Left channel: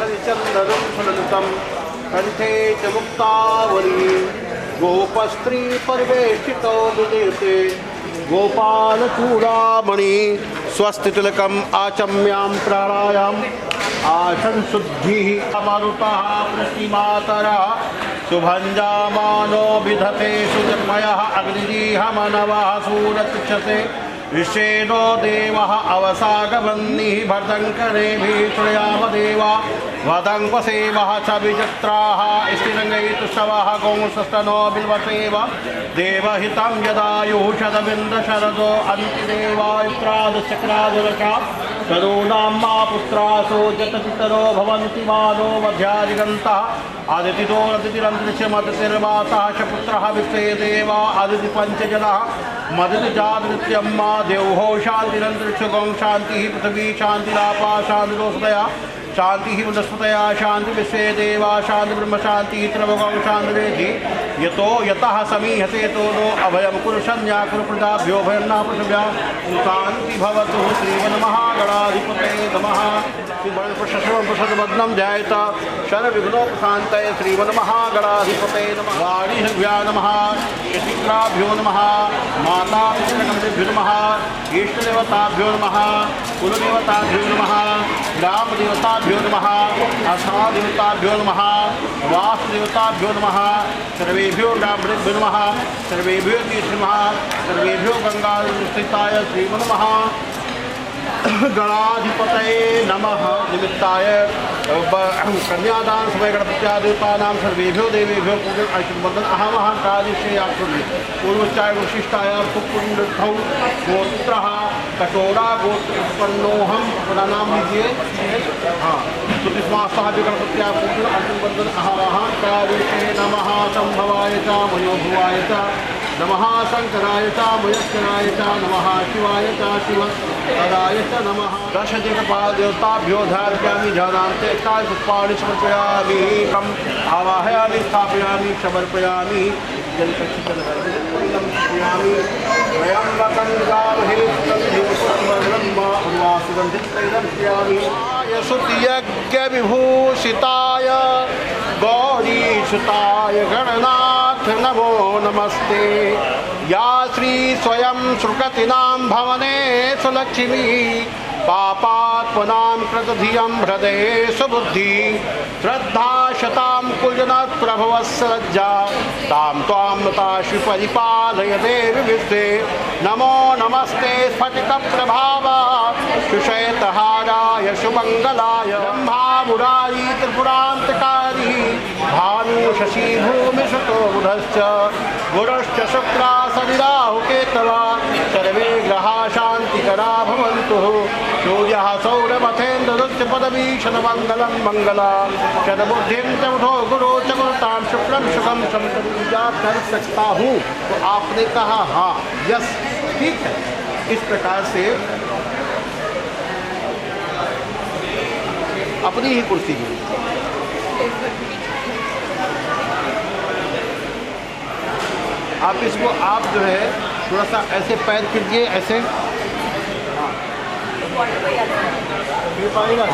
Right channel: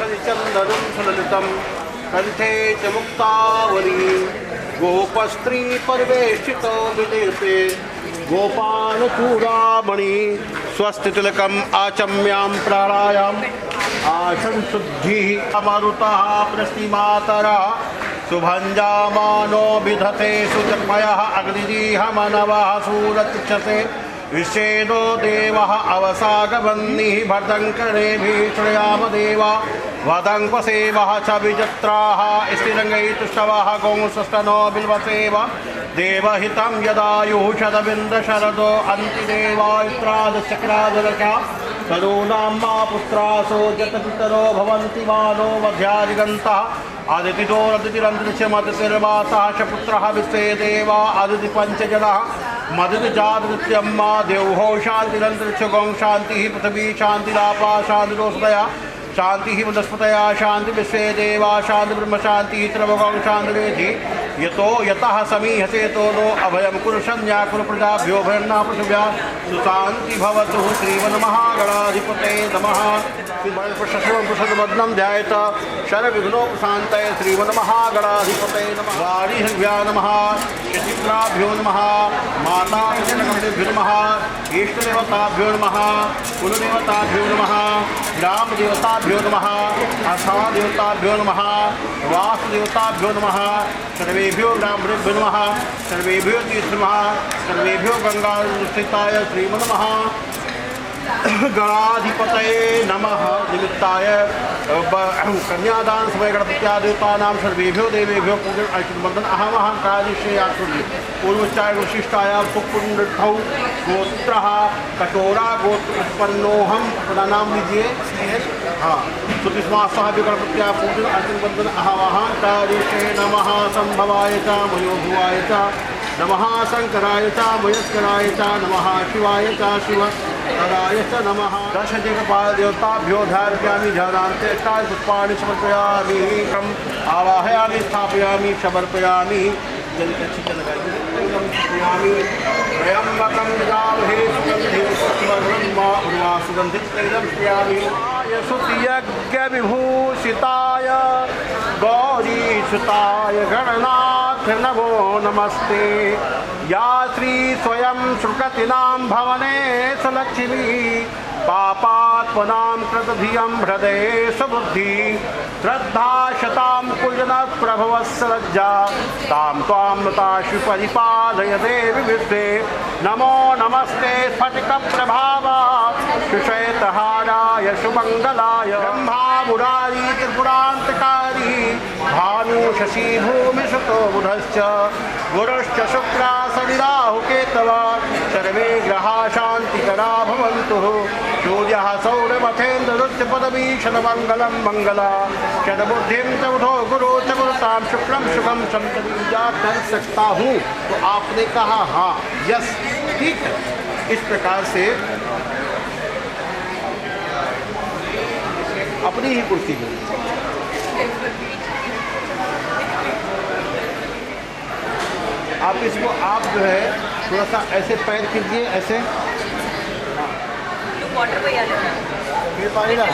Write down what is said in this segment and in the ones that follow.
हरिचंदनं सुललितं कंठे च मुक्तावली गोपस्त्री परिवेष्टितो विदीप्ते गोपालचूड़ामणि स्वस्तितिलकम् आचम्यां प्राणायाम आसन शुद्धि मारुतः प्रश्निमातरा शुभंजामानो विधते सुजन्मयः अग्निजीह मनवः सूरतक्षते विषेदो देवः अवसागवन्निः भर्दङ्करेभिः श्रयाम देवा वदङ्क्वसेवः च विजत्राः स्थिरङ्गैतुष्टवः गोंसस्तनो बिल्वसेव देवहितं यदायुः शतबिन्दशरदो अन्तिदेवायुत्रादचक्रादुरशा तनूनां मा पुत्रासो जतपितरो भवन्ति मानो मध्यादिगन्तः आदितितो अदितिरन्तरिक्षमदितिर्वासः च पुत्रः विश्वे देवा आदितिपञ्चजनः मदितिजातनित्यं मा देवो शान्तिरन्तरिक्षगों शान्तिः पृथिवी शान्तिरापा शान्तिरोषधया शांति वनस्पतया शांति विश्वे देवा शांति ब्रह्म शांति त्रिभुवं शांतिरेधि यतो यतः समीहते तो नो अभयं कुरु संज्ञा कुरु प्रजाभ्यो भयं न पशुभ्या सुशांति भवतु श्रीमन्महागणाधिपते नमः। श्रीमन्पुषद्वद्नं ध्यायेत शरविघ्नोपशान्तये श्रीमन्महागणाधिपते नमः। वाणीभ्या नमः शशिग्राभ्यो नमः माता पितृभ्यो नमः इष्टदेवताभ्यो नमः कुलदेवताभ्यो नमः ग्रामदेवताभ्यो नमः अस्थादेवताभ्यो नमः वासुदेवताभ्यो नमः सर्वेभ्यो ब्राह्मणेभ्यो नमः सर्वेभ्यो तीर्थनमः सर्वेभ्यो गंगास्थिताय श्रीमन्महा गणाधिपतये नमः। निमित्ताय कन्यादान समय गणपत्यादेवतानां सर्वेभ्यो देवेभ्यो पूजन आशीर्वदन अहमः कालिशेयात्मनि पूर्वोच्चाय विशिष्टाय सुपुण्डौ गोत्रः कटोरा गोत्र उत्पन्नोहम अपना नाम लीजिए। हाँ सुतिस्मासः गणपत्या पूजन आशीर्वदन अहमः कालिशे नमः संभवाय च मयोभुवाय च नमः शंकराय च मयस्कराय च नमः शिवाय च शिवराय च नमः। दशजगपाल देवताभ्यो धारयामि ध्यानान्ते पुष्पाणि समर्पयामि कम आवाहयामि स्थापयामि समर्पयामि जलकक्षितलगामि त्र्यम्बकं गामहे सुगन्धिं पुष्पवर्णं उर्वासुगन्धितैलं श्रियामि यशुतियज्ञविभूषिताय गौरीसुताय गणनाथ नमो नमस्ते। या श्री स्वयं श्रुकतीनां भवने सुलक्ष्मी पापात्मनां कृतधियं हृदये सुबुद्धि श्रद्धा शतां कुलजनः प्रभवस्य लज्जा तां त्वां नताशि परिपालय देवि विश्वे। नमो नमस्ते स्फटिकप्रभाव सुश्वेतहाराय सुमङ्गलाय ब्रह्मा मुरारी त्रिपुरान्तकारी भानु शशि भूमि सुतो बुधश्च गुरुश्च शुक्रा शनिराहुकेतवा सर्वे ग्रहा शान्तिकरा भवन्तु। सूर्यः सौरमथेन्द्ररुच्च पदवीशनमङ्गलं मङ्गला शतबुद्धिं च उठो गुरु च गुरुतां शुक्रं सुखं संतजा कर सकता हूँ। तो आपने कहा हाँ यस ठीक है। इस प्रकार से अपनी ही कुर्सी है आप इसको आप जो है थोड़ा सा ऐसे पैर कीजिए ऐसे ये पानी डाल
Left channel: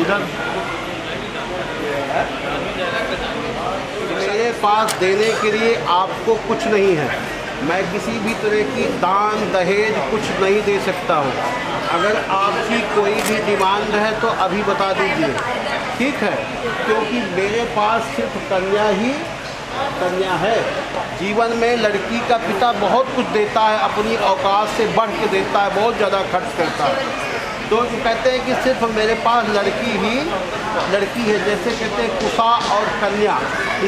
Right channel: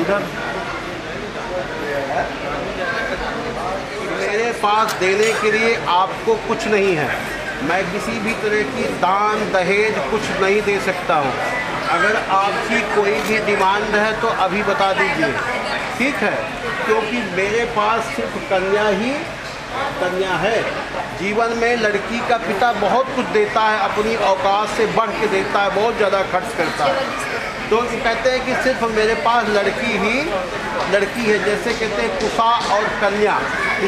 इधर मेरे पास देने के लिए आपको कुछ नहीं है। मैं किसी भी तरह की दान दहेज कुछ नहीं दे सकता हूँ। अगर आपकी कोई भी डिमांड है तो अभी बता दीजिए ठीक है, क्योंकि मेरे पास सिर्फ कन्या है। जीवन में लड़की का पिता बहुत कुछ देता है, अपनी औकात से बढ़ के देता है, बहुत ज़्यादा खर्च करता है। तो कहते हैं कि सिर्फ मेरे पास लड़की है, जैसे कहते हैं कुसा और कन्या,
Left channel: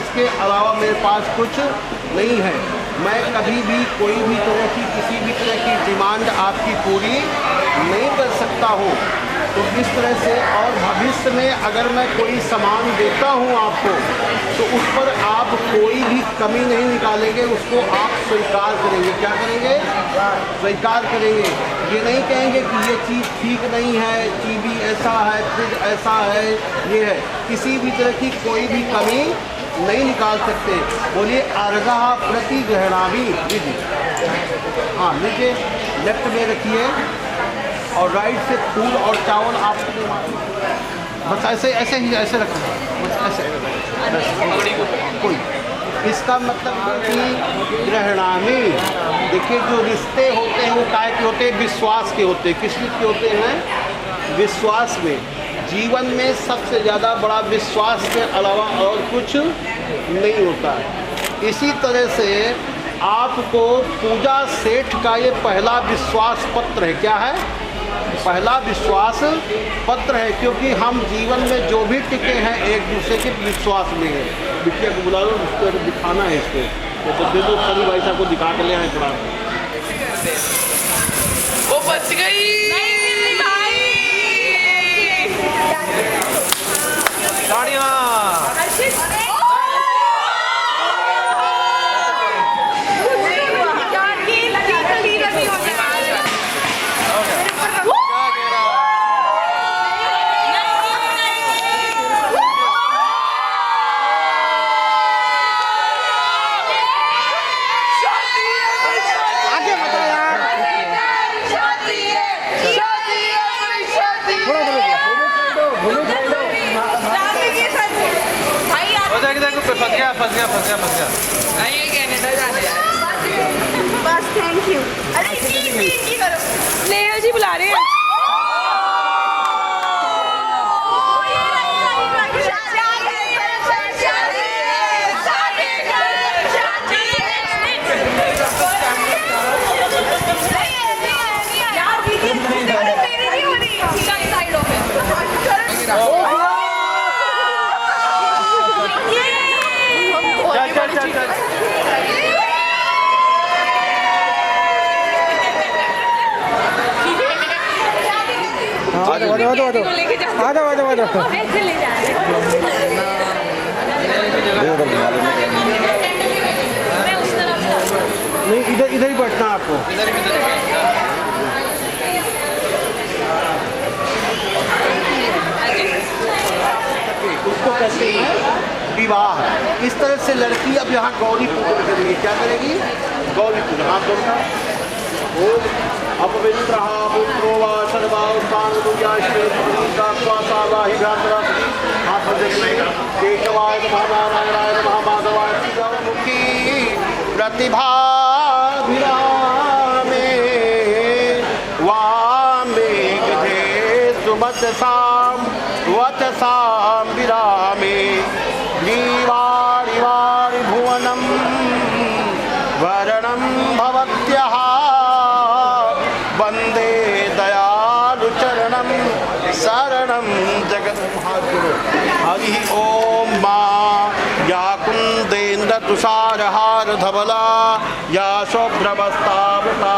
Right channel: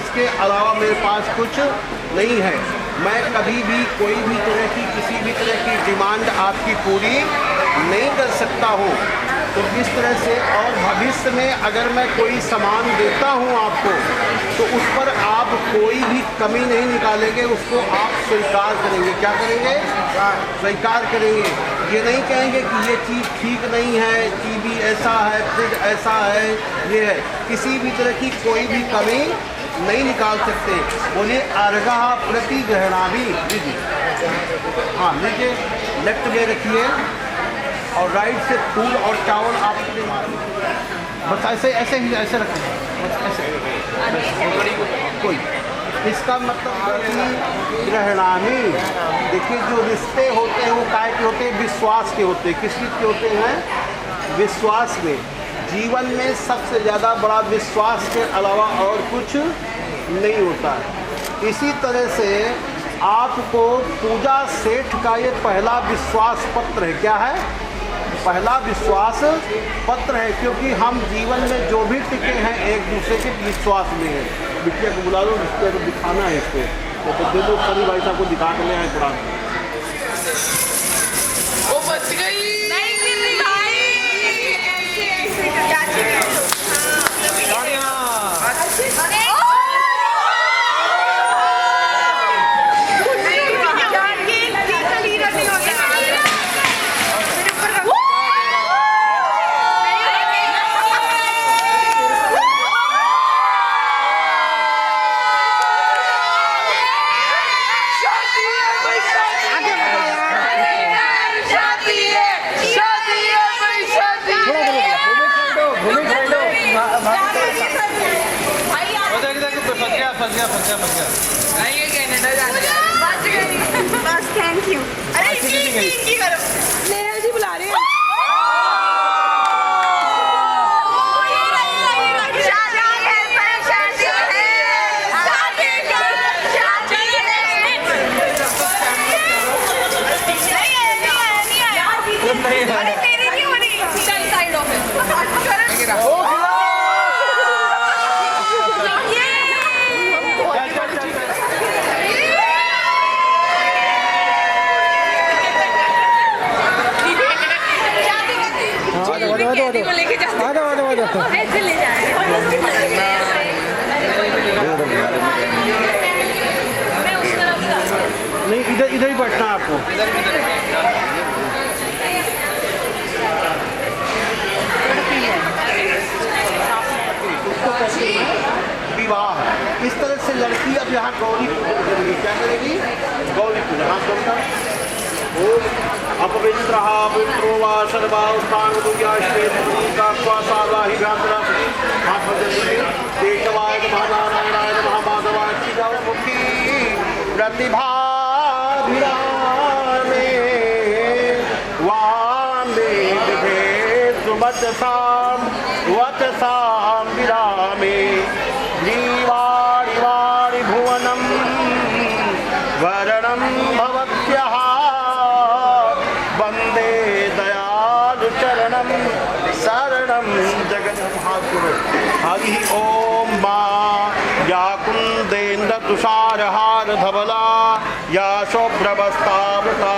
इसके अलावा मेरे पास कुछ नहीं है। मैं कभी भी कोई भी तरह की किसी भी तरह की डिमांड आपकी पूरी नहीं कर सकता हूँ। तो इस तरह से और भविष्य में अगर मैं कोई सामान देता हूँ आपको तो उस पर आप कोई भी कमी नहीं निकालेंगे, उसको आप स्वीकार करेंगे। क्या करेंगे? स्वीकार करेंगे। ये नहीं कहेंगे कि ये चीज़ ठीक नहीं है, टीवी ऐसा है, फ्रिज ऐसा है, ये है। किसी भी तरह की कोई भी कमी नहीं निकाल सकते। बोलिए अर्घा प्रतिग्रहणाभि विधि। हाँ लीजिए, लेफ्ट में रखिए, और राइट से फूल और चावल आप अपने बस ऐसे ऐसे ही ऐसे रखें, बस ऐसे कोई। इसका मतलब कि ग्रहणामी, देखिए जो रिश्ते होते हैं वो काय के होते हैं, विश्वास के होते हैं। किस चीज़ के होते हैं? विश्वास में। जीवन में सबसे ज़्यादा बड़ा विश्वास के अलावा और कुछ नहीं होता है। इसी तरह से आपको पूजा सेठ का ये पहला विश्वास पत्र है। क्या है? पहला विश्वास पत्र है, क्योंकि हम जीवन में जो भी टिके हैं एक दूसरे के विश्वास में है। बिटिया को बुला लो, इसको दिखाना है इसको, तो दे दो सभी भाई साहब को दिखा के ले आए थोड़ा। वो बच गई। नहीं गिर रही भाई। बस थैंक यू। अरे की करो, नेहा जी बुला रहे हैं। ले जा रहे मैं उस तरफ जा। नहीं, इधर इधर ही बैठना है आपको। उसको कहते हैं विवाह। इस तरह से लड़की अब यहाँ गौरी पूजन करेगी। क्या करेगी? गौरी पूजन। आप दोनों अपवित्र पवित्रो वा सर्वा उत्थान केशवाय नमः नारायणाय नमः माधवाय मुखी प्रतिभा वचसां विरामे वीवाणि वाणि भुवनं वरणं भवत्यः वंदे दयालु चरणं शरणं जगत्। हरि ओम मां या कुंदेन्द्र तुषारहार धवला या शुभ्रवस्तावृता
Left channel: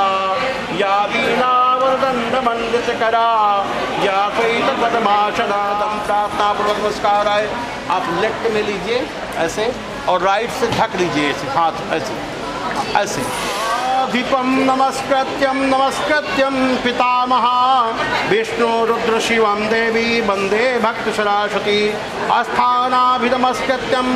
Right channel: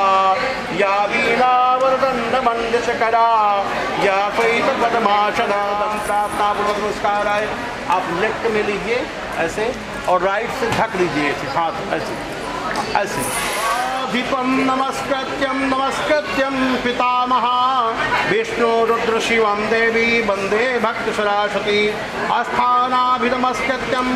या वीणावरदंडमंडशकरा या श्वेतपद्मासना दंतापूर्वक नमस्कार है। आप लेफ्ट में लीजिए ऐसे और राइट से ढक लीजिए ऐसे हाथ ऐसे ऐसे। दीपम नमस्कृत्यं पितामहा विष्णु रुद्र शिवं देवी वंदे भक्त सरस्वती आस्थानाभिनमस्कृत्यं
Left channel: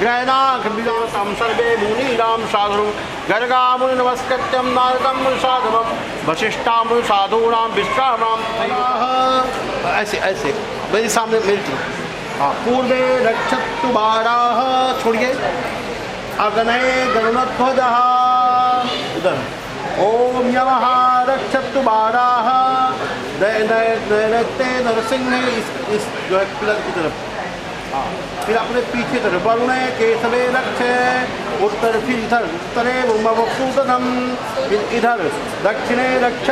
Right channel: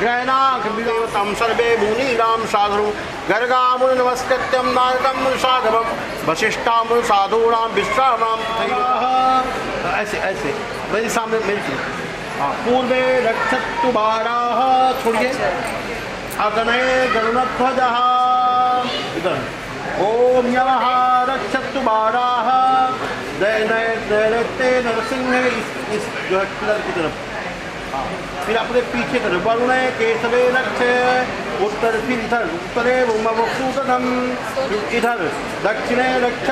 ग्रहणादेवतं सर्वे मुनीनां साधु गर्गामुनि नमस्कृत्यं नारदं साधवं वशिष्ठां साधूनां विश्रामां तथैव। ऐसे ऐसे मेरे सामने मिलती। हाँ, पूर्वे रक्षतु बाराः, छोड़िए, अग्ने गरुणध्वजः, इधर ओम नमः रक्षतु बाराः, दैत्य नरसिंह, इस जो है पिलर की तरफ। हाँ, फिर अपने पीछे तरफ वरुणे केशवे रक्ष, उत्तर फिर इधर उत्तरे वक्षुतम, इधर दक्षिणे रक्ष,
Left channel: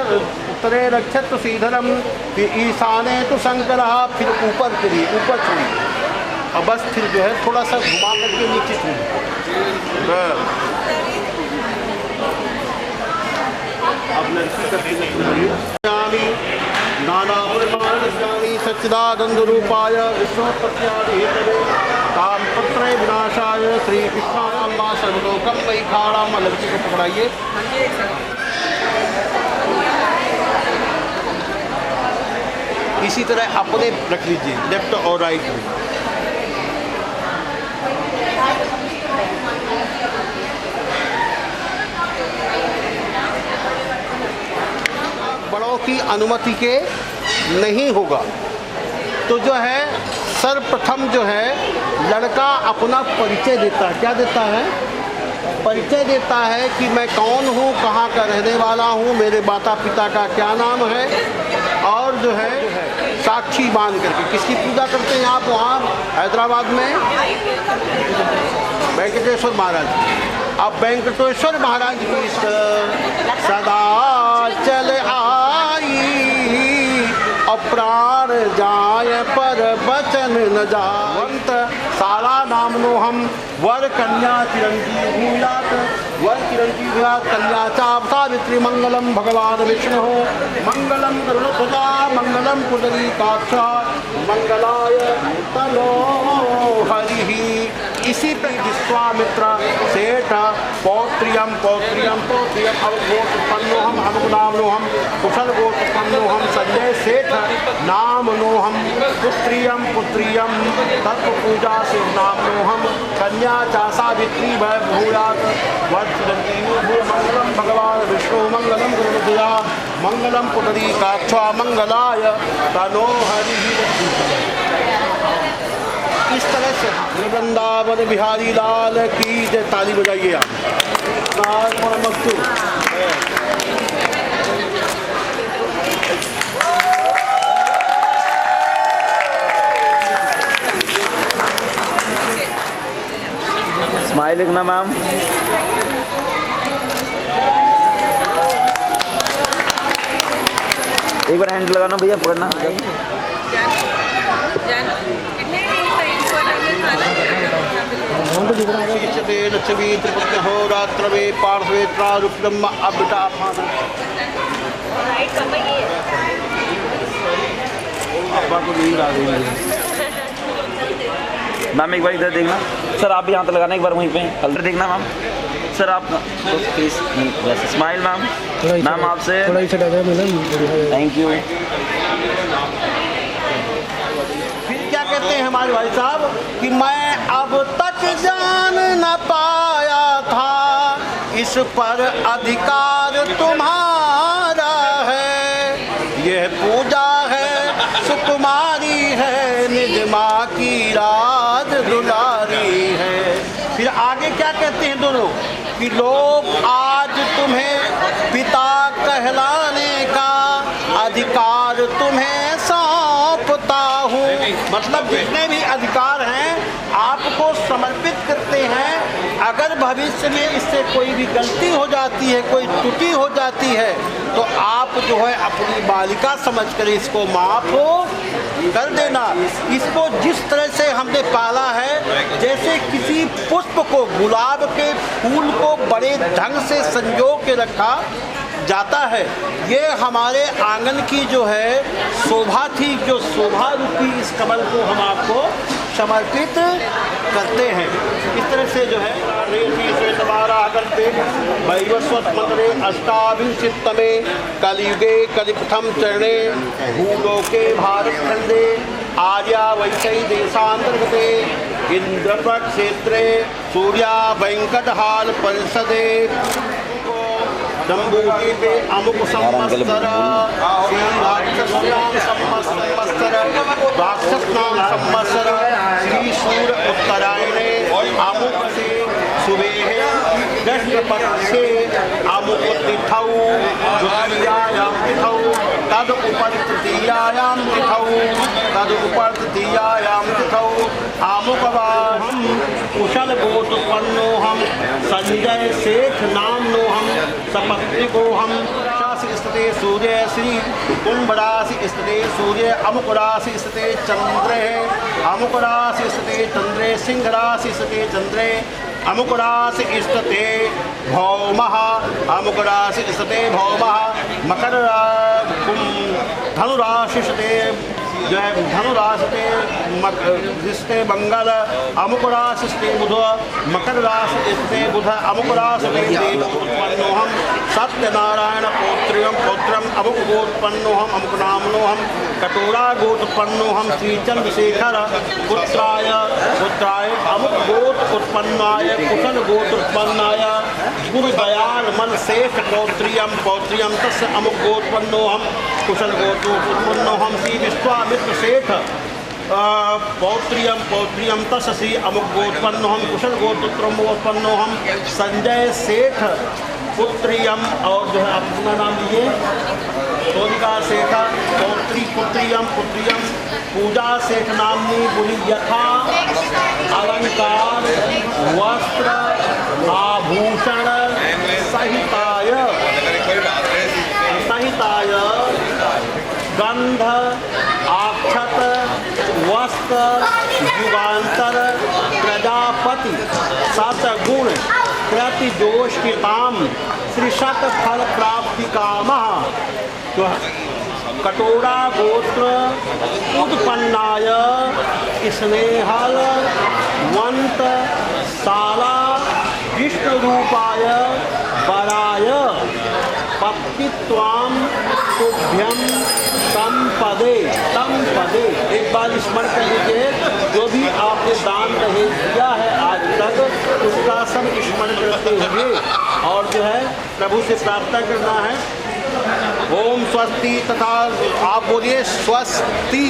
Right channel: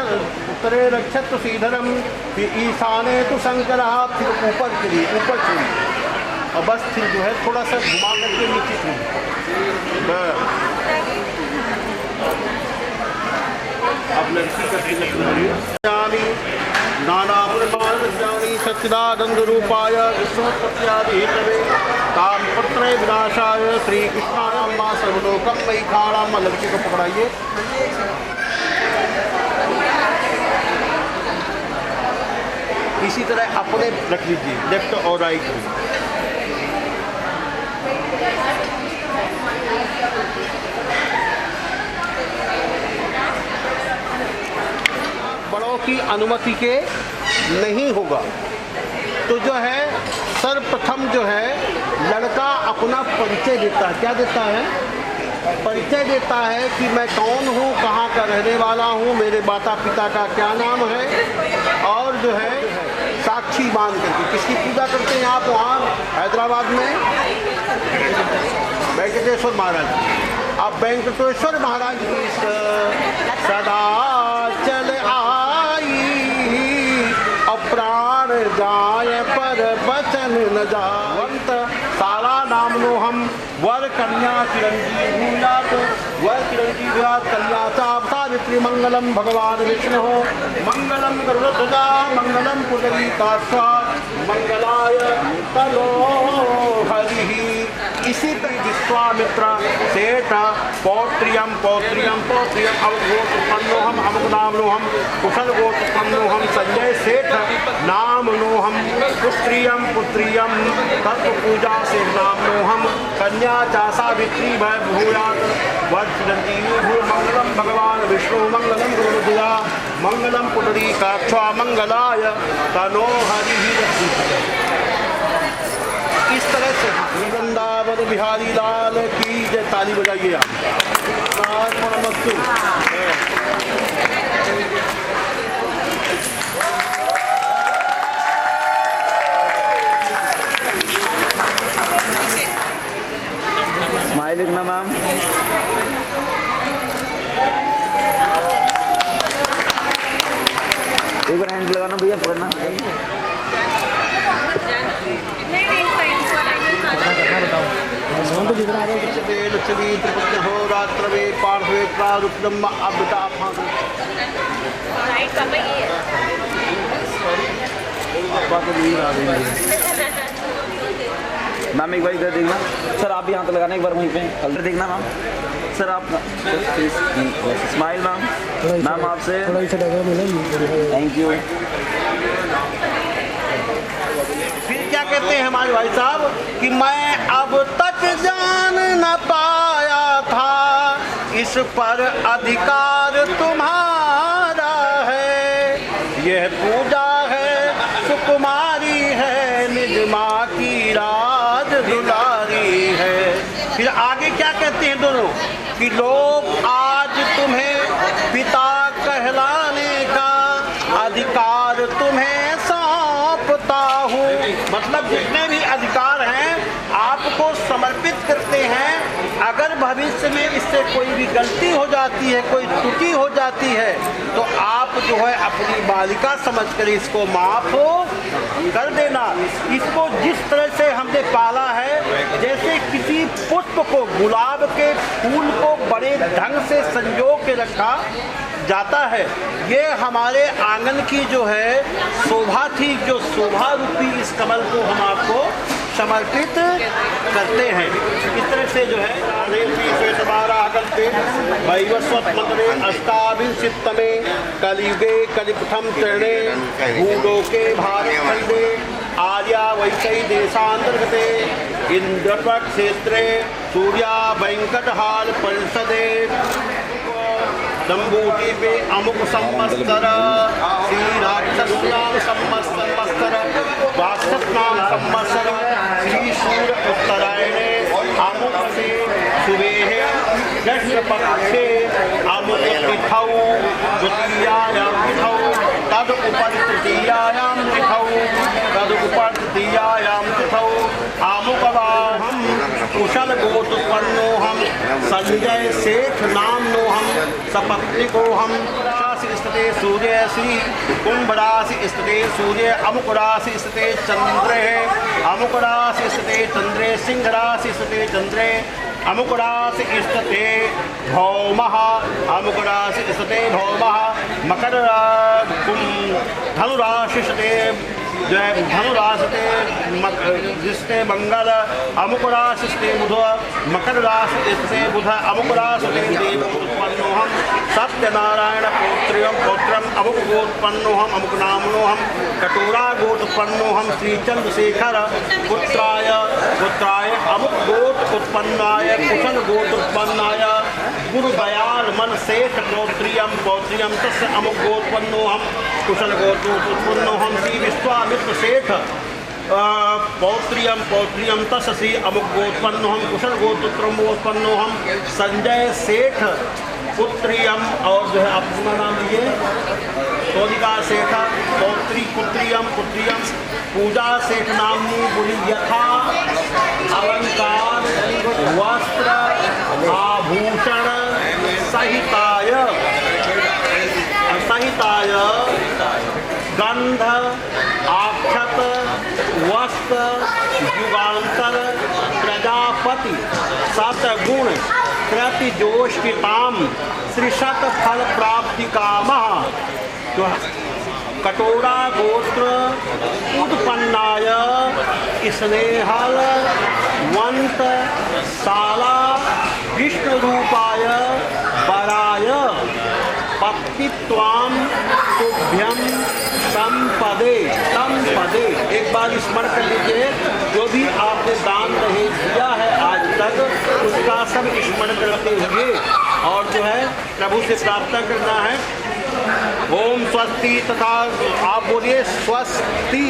उत्तरे रक्षत श्रीधरम, फिर ईशाने तो शंकर, फिर ऊपर चलिए, ऊपर चलिए और बस फिर जो है थोड़ा सा घुमा करके नीचे चलिए। अब लड़की का तिलक नानापुरमानी सच्चिदानंदरूपाय विष्णुपत्यादिहेतवे तामपत्रे विनाशाय श्री कृष्णाय अम्बा सर्वलोकम वही खाड़ाम। लड़की को पकड़ाइए। इसी तरह अपने रख लीजिए लेफ्ट और राइट में। बड़ों की अनुमति के नहीं होगा। तो जो है सर्वप्रथम जो है लड़का अपना परिचय देता है। क्या देता है? परिचय देता है कि मैं कौन हूँ, कहाँ का रहने वाला हूँ, मेरे माता पिता का क्या नाम है, और जो है साक्षी मान करके। किसकी पूजा करते हैं आप वहाँ हैदराबाद में? वेंकटेश्वर महाराज। अब वेंकटेश्वर महाराज की सदा चल आई, अप्राण जाय पर बचन न जावंत, सारा नाम नो हम वर कन्या चिरंजीव भूयात, वर चिरंजीव भूयात कन्या सावित्री मंगलम भगवान विष्णु मंगलम गरुड़ध्वजा मंगलम पुंडरीकाक्ष मंगलाय तनो हरि। इसी तरह विश्वामित्र सेठ पौत्रियम पौत्रियम पौत्रियम अवगोत्पन्नोहम अमुकनामनोहम कुशलगोत्पन्नोहम संजय सेठ नामनोहम पुत्रियम पुत्रियम तत्व पूजा से नामनोहम कन्या चासा वित्री भय भूयात वर्षदंतीनु भू मंगलम भगवान विष्णु मंगलम गुरुध्वजा मंगलम पुंडरीकाक्ष मंगलाय तनो हरि। इस तरह से वृंदावन बिहारी लाल की जय। ताली बजाइए आप। स्माइलिंग ना मैम। एक बार हैंड लगाना भैया, पकड़ना। लक्ष्मी त्रिपुत्र हो रात्र में पार्श्वे प्रारूपम अबटा मैम एक बार इधर देखना सर, आप भी हाथ लगाना एक बार वहीं पे कलर देखना मैम। सर आप स्माइल मैम। मैम आपसे थैंक यू। फिर क्या कहते हैं हमारे भाई साहब कि मैं अब तक जान न पाया था इस पर अधिकार तुम्हारा है, यह पूजा है सुकुमारी है निज माँ की राज दुलारी है। फिर आगे क्या कहते हैं दोनों कि लोग आज तुम्हें पिता कहलाने का अधिकार तुम्हें सौंपता हूँ। मतलब जितने भी अधिकार हैं आपको समर्पित करते हैं। अगर भविष्य में इससे कोई भी गलती हो जाती है, कोई त्रुटि हो जाती है, तो आप जो है अपनी बालिका समझकर इसको माफ कर देना। इसको जिस तरह से हमने पाला है, जैसे किसी पुष्प को, गुलाब के फूल को बड़े ढंग से संजो के रखा जाता है, ये हमारे आंगन की जो है शोभा थी, जो शोभा रूपी इस कमल को हम आपको समर्पित करते हैं। इस तरह से जो है वैवस्वतमंत्रे अष्टाविंशतितमे कलियुगे कलिप्रथम चरणे भूलोके भारतखंडे आर्या वैशै देशांतर्गते इंद्रपट क्षेत्रे सूर्या वेंकटहाल परिषदे जम्बूद्वीपे अमुक संवत्सर श्री राक्षसनाम संवत्सर राक्षसनाम संवत्सर श्री सूर्य उत्तरायणे अमुक से सुबह कृष्णपक्षे अमुक तिथौ द्वितीयायां तिथौ तद उपर तृतीयायां तिथौ तद उपर तृतीयायां तिथौ अमुकवाहं कुशल गोत्रोत्पन्नोऽहं संजय सेठ नाम्नोऽहं सपत्निकोऽहं राशि स्थिते सूर्य श्री कुंभ राशि स्थिते सूर्य अमुक राशि स्थिते चंद्रे अमुक राशि स्थिते चंद्रे सिंह राशि स्थिते चंद्रे अमुक राशि स्थिते भौमः अमुक राशि स्थिते भौमः मकर धनुराशि स्थिते जो है धनुराशि जिसते मंगल अमुक राशि स्थिते बुध मकर राशि स्थिते बुध अमुक राशि देव उत्पन्नोहम सत्यनारायण पौत्रियम पौत्रम अमुक गोत्पन्नोहम अमुक नामनोहम कटोरा गोत्पन्नोहम श्री चंद्रशेखर पुत्राय पुत्राय अमुक गोत्र गोत्रोत्पन्नाय कुशन गोत्रोत्पन्नाय गुरुदयाल मन शेष पौत्रियम पौत्रियम तस्य अमुक गोत्पन्नोहम कुशन गोत्रोत्पन्नोहम श्री विश्वामित्र शेठ पौत्रियम पौत्रियम तस्य श्री अमुक गोत्पन्नोहम कुशन गोत्रोत्पन्नोहम संजय शेठ पुत्रियम। और जो है आप अपना नाम लीजिए सोनिका सेठ पौत्री पुत्रियम पुत्रियम पूजा सेठ नामनी बुनि यथा अलंकार वस्त्र आभूषण सहिताय सहिताय गंध आक्षत वस्त्र युगांतर प्रजापति सतगुण कृतिजोष्टिताम श्री शत फल प्राप्ति कामः कटोरा गोत्र उत्पन्नाय स्नेहल वंत साला विष्णु रूपाय वराय पत्तित्वाम तुभ्यम संपदे संपदे। एक बार स्मरण कर लीजिए, जो भी आपने दान दहेज दिया है आज तक उसका सब स्मरण करते हुए और जो है प्रभु से प्रार्थना करना है। ओम स्वस्ति तथा आप बोलिए स्वस्ति।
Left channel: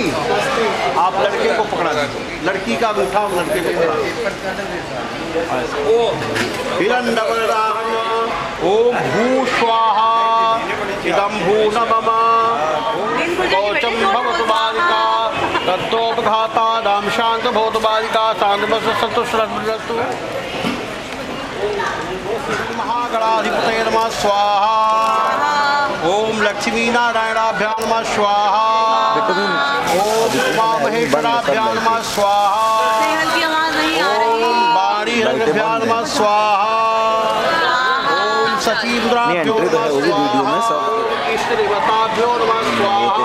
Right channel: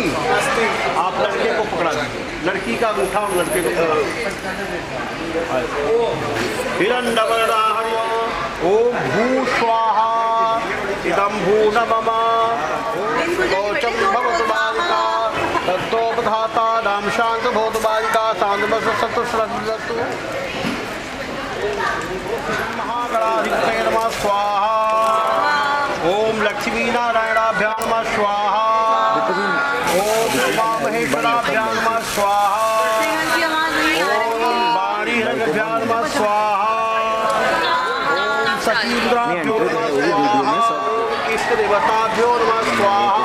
आप लड़के को पकड़ा दीजिए, लड़की का अंगूठा और लड़के को पकड़ा हिरण्यवर्णाय ओम भू स्वाहा इदं भू नमः कौचम भवतु बालिका तत्तोपघाता नाम शांत भवतु बालिका शांतमस्तु महागणाधिपतये नमः स्वाहा। ओम लक्ष्मी नारायणाभ्यां नमः स्वाहा। ओम उमा महेश्वराभ्यां नमः स्वाहा। ओम वाणी हृदयाभ्यां नमः स्वाहा। ओम सचीन्द्राभ्यो नमः स्वाहा। इष्ट देवताभ्यो नमः स्वाहा।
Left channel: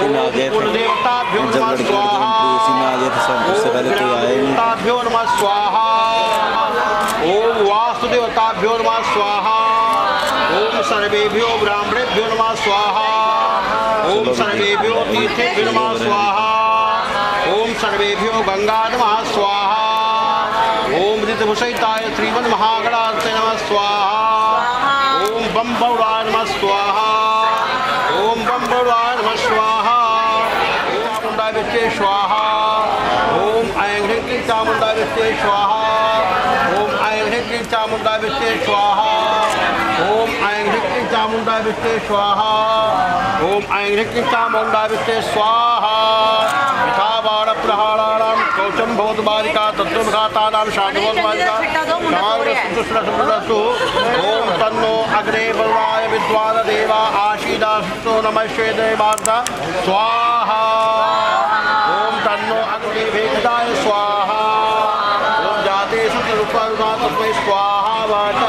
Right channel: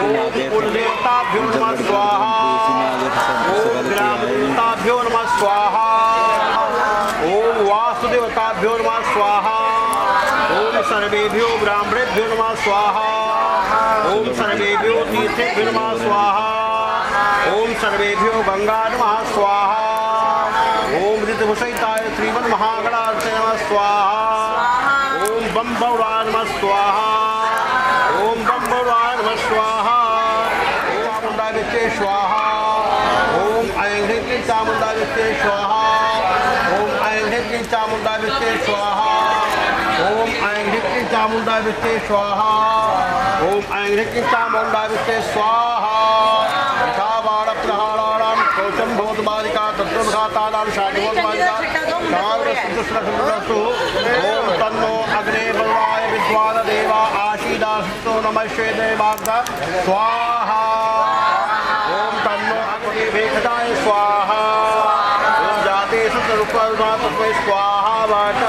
ओम कुलदेवताभ्यो नमः स्वाहा। ओम ग्रामदेवताभ्यो नमः स्वाहा। ओम वासुदेवताभ्यो नमः स्वाहा। ओम सर्वेभ्यो ब्राह्मणेभ्यो नमः स्वाहा। ओम सर्वेभ्यो तीर्थेभ्यो नमः स्वाहा। ओम सर्वेभ्यो गंगा नमः स्वाहा। ओम ऋतभूषिताय श्रीमन् महागणाधिपतये नमः स्वाहा। ओम बम बौराय नमः स्वाहा। ओम बम बौराय नमः स्वाहा। ओम चामुंडा विष्टे स्वाहा। ओम ऐं ह्रीं चामुंडा विष्टे स्वाहा। ओम ऐं ह्रीं चामुंडा विष्टे स्वाहा। ओम ऐं ह्रीं चामुंडा विष्टे स्वाहा। ओम ऐं ह्रीं चामुंडा विष्टे स्वाहा। धावाण प्रहाराणां कौशं भवतु बालिका तत्त्वघातानां शान्तिभवतु बालिका ओम तन्नो अग्ने बलवाय विद्वान देवा आशीदास्तो नमस्ते देवाग्र स्वाहा। ओम तन्नो अग्नि भेषजाय स्वाहा। ओम जाते सुतरूपाय स्वाहा वाट।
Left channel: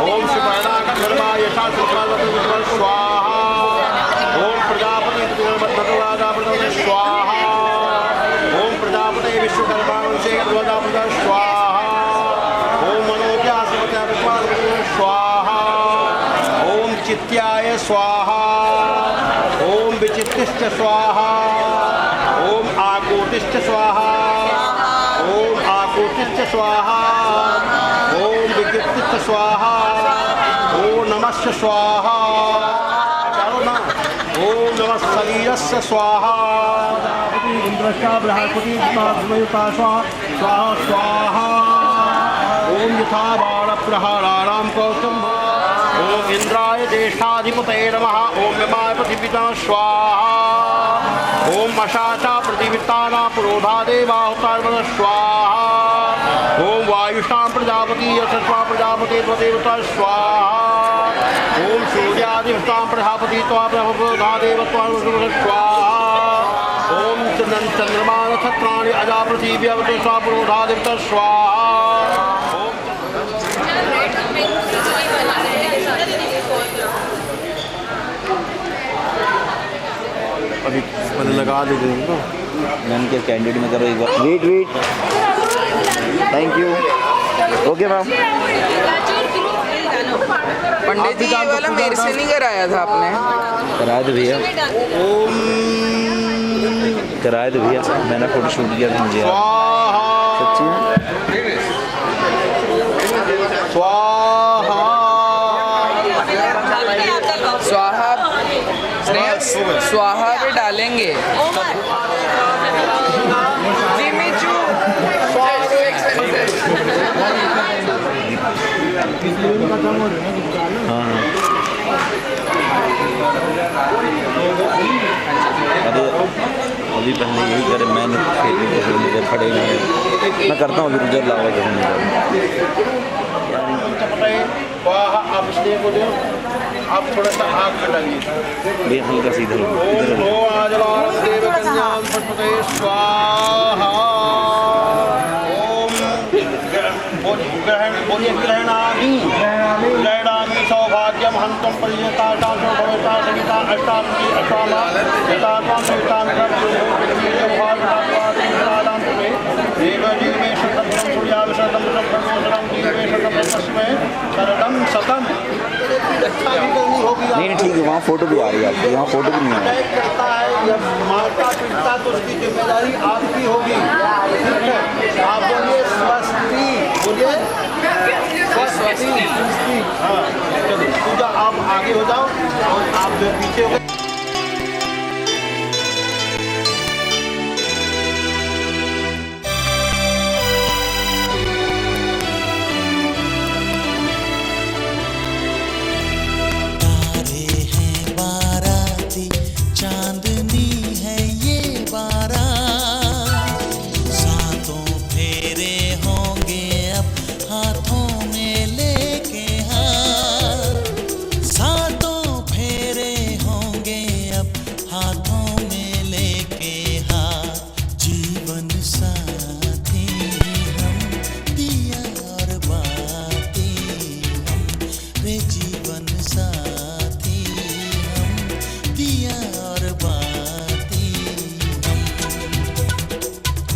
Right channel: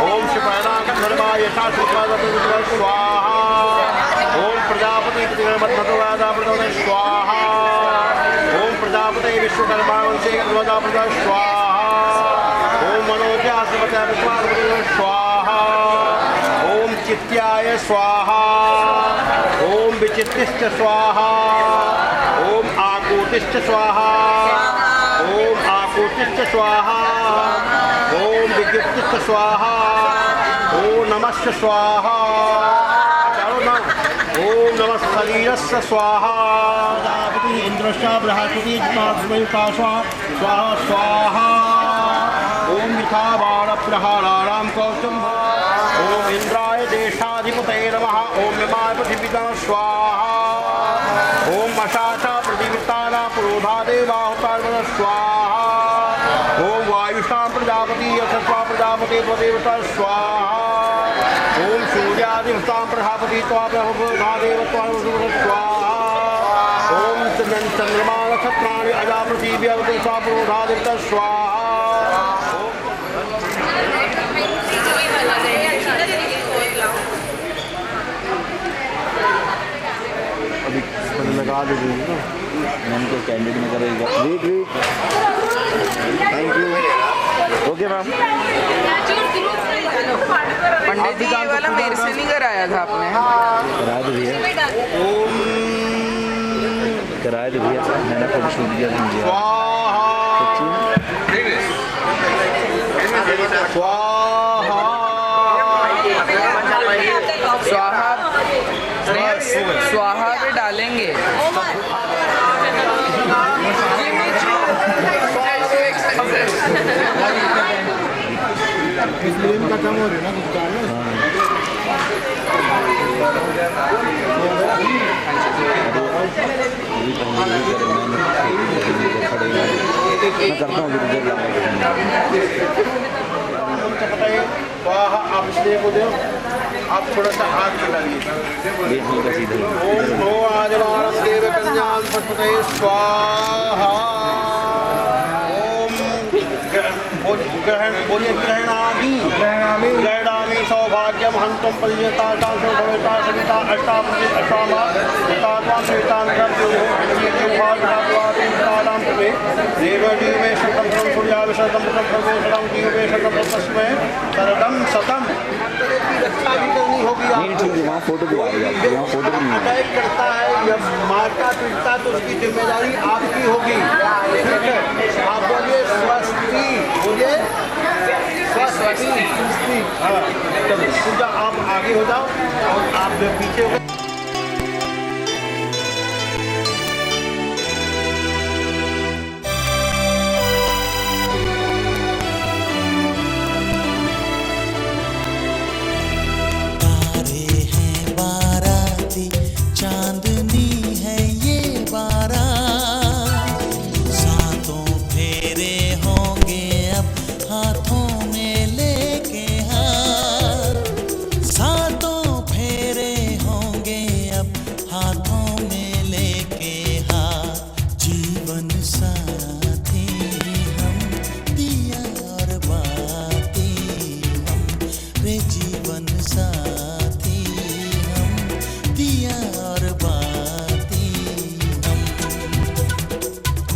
ओम शिवनागर्मा यथा स्वाहा। ओम प्रजापति स्वाहा। ओम प्रजापति विश्वकर्मा स्वाहा। ओम मनोज्ञासपते स्वाहा। ओम चित्याय स्वाहा। ओम विचित्तिश्च स्वाहा। ओम आकोटिश्च स्वाहा। ओम आकोटिश्च स्वाहा। ओम विचित्तिश्च स्वाहा। ओम नमस्य स्वाहा। ओम नमः शरीरस्य स्वाहा। इंद्रश्च बृहस्पति स्वाहा स्वाहा स्वाहा। ओम यथा बाण प्रहाराणां कौशं। ओम इंद्राय देशाधिपतये नमः। ओम यमाय पृथिवीतः स्वाहा। ओम मशाचा प्रतिवित्तानां पुरोधा देवाहुताय स्वाहा। ओम वायुषां प्रजापति यशस्वा प्रजापति देवता स्वाहा। ओम सूर्यादिवतां प्रजापति त्वा देवत्वा स्वाहा। ओम चंद्रमा नक्षत्राणि अजा पृथिव्या पुरोधा देवता स्वाहा। अभी लगा दे मैम के कैंडिडेट में करो एक बार। Wait thank you. Okay ma'am. Pandit ji वाला मेरे से नहीं कराया था आपने? कराया तो भैया। ओम कराया तो भैया, मैंने फोटो शूट किया था। स्वाहा स्वाहा स्वाहा पे डालेंगे। अभी कहीं करे मैंने पड़ेगा मैं करता हूँ अभी रिजल्ट स्वाहा आप इसलिए को दो, आप थोड़ा सा आग चलाइए। हल्का सीधा ओम नो आजवारम देव कन्याम पटपते स्वाहा। ओम बोलिए ग्रहणामी सौभाग्यम हंतुम परियता तांसो भवेता सविता अष्टाम अष्टामा तात्वां सवितां ग्रहण्योभावादितादां तुमे देवजी में शतम सूर्याविशतम प्रभोषणम जीवे शतम तस्मै शरदम सतम। रक्षा भी करनी होगी नहीं ठीक है वहाँ फोटो भी आ रही है आपकी, वहाँ फोटो भी नहीं आ रही। अटैक करता है जब मारता पीटता तो उसकी जिम्मेदारी आपकी होगी, ठीक है। आप बोलिए स्वस्ति, बोलिए स्वस्ति। हाँ चलो पूजा आप आगे हो जाओ और आप पीछे हो गए। चांदनी है ये बारात, सातों फेरे होंगे अब हाथों में लेके हाथ, सातों फेरे होंगे अब हाथों में लेके हाथ। जीवन साथी हम दिया और बाती हम रे, जीवन साथी हम दिया और बाती हम।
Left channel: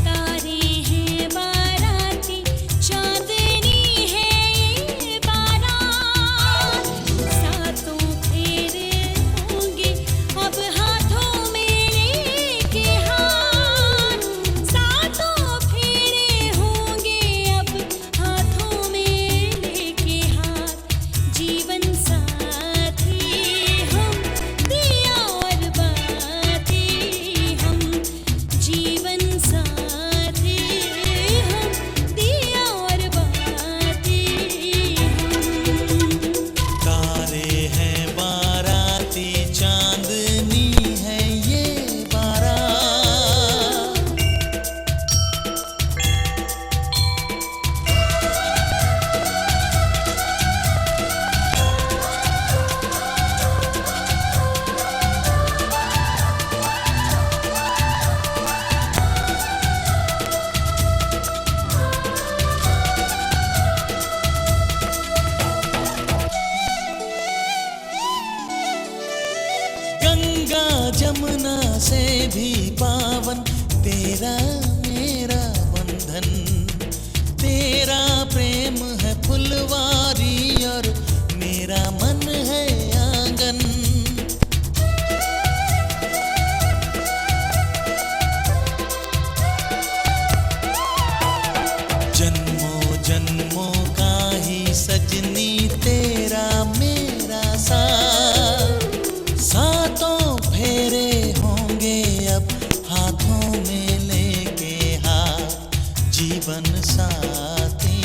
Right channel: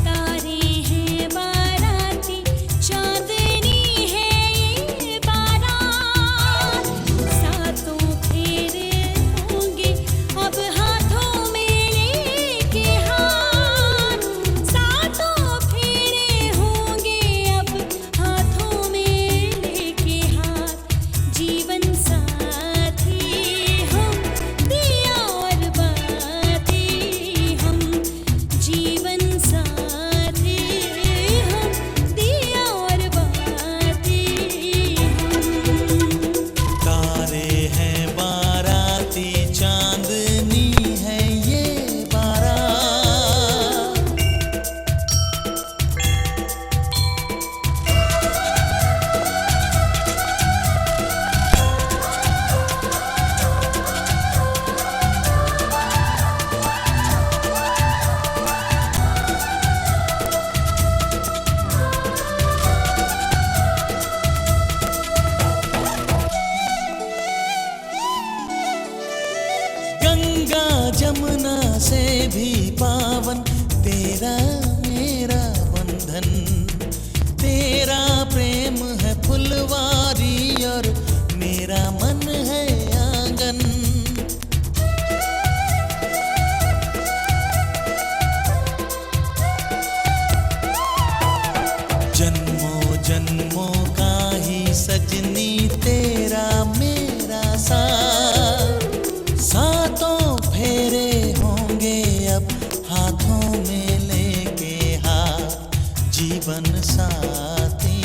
तारे हैं बाराती, चांदनी है ये बारात, सातों फेरे होंगे अब हाथों में लेके हाथ, सातों फेरे होंगे अब हाथों में लेके हाथ। जीवन साथी हम दिया और बाती हम, जीवन साथी हम दिया और बाती हम। तारे हैं बाराती, चांदनी है ये बारात। गंगा जमुना से भी पावन तेरा मेरा बंधन, तेरा प्रेम है फुलवारी और मेरा मन है आंगन। जन्मों जन्मों का ही सजनी तेरा मेरा साथ, सातों फेरे होंगे अब हाथों में लेके हाथ। जीवन साथी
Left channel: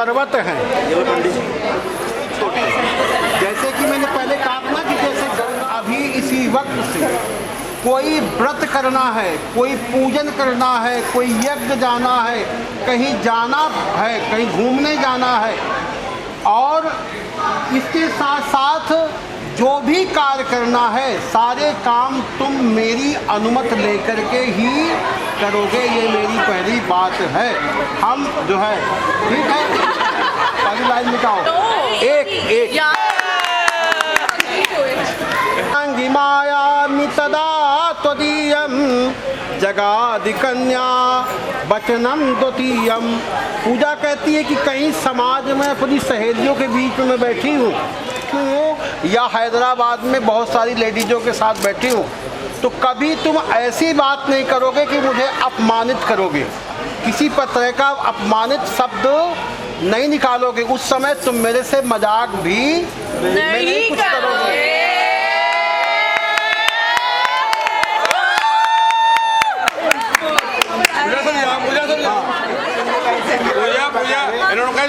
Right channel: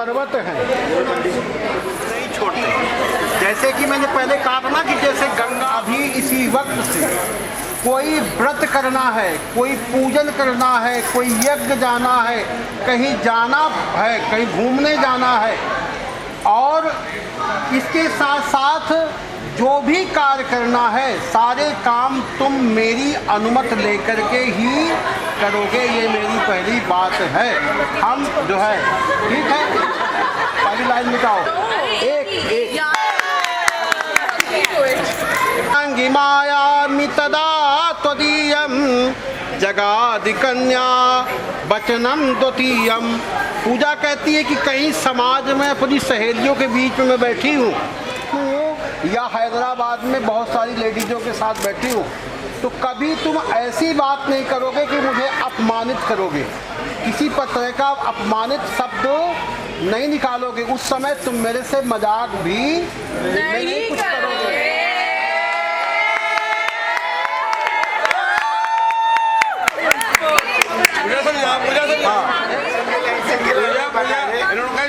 पर्वत हैं। जैसे कि मैंने पहले कहा था ना कि जैसे अभी इसी वक्त से कोई व्रत करना है, कोई पूजन करना है, कोई यज्ञ जाना है, कहीं जाना है, कहीं घूमने जाना है, और इसके साथ साथ जो भी कार्य करना है सारे काम तुम मेरी अनुमति लेकर के ही करोगे, ये मेरी पहली बात है। हम जो है ठीक है, पहली लाइन मिटाओ, एक अंगी मायामि तदा त्वदीयं जगादि कन्या वचनम द्वितीयम। पूजा कहती है कि कहीं समाज में अपनी सहेलियों के बीच में मैं बैठी हूँ या हैदराबाद में बहुत सारी लेडीजों के साथ बैठी हूँ, तो कभी तुम ऐसी बात नहीं करोगे कि मुझे अपमानित करोगे, किसी तरह का अपमानित शब्द नहीं निकालोगे। उस समय तुम मेरे से मजाक भी नहीं कुछ करोगे।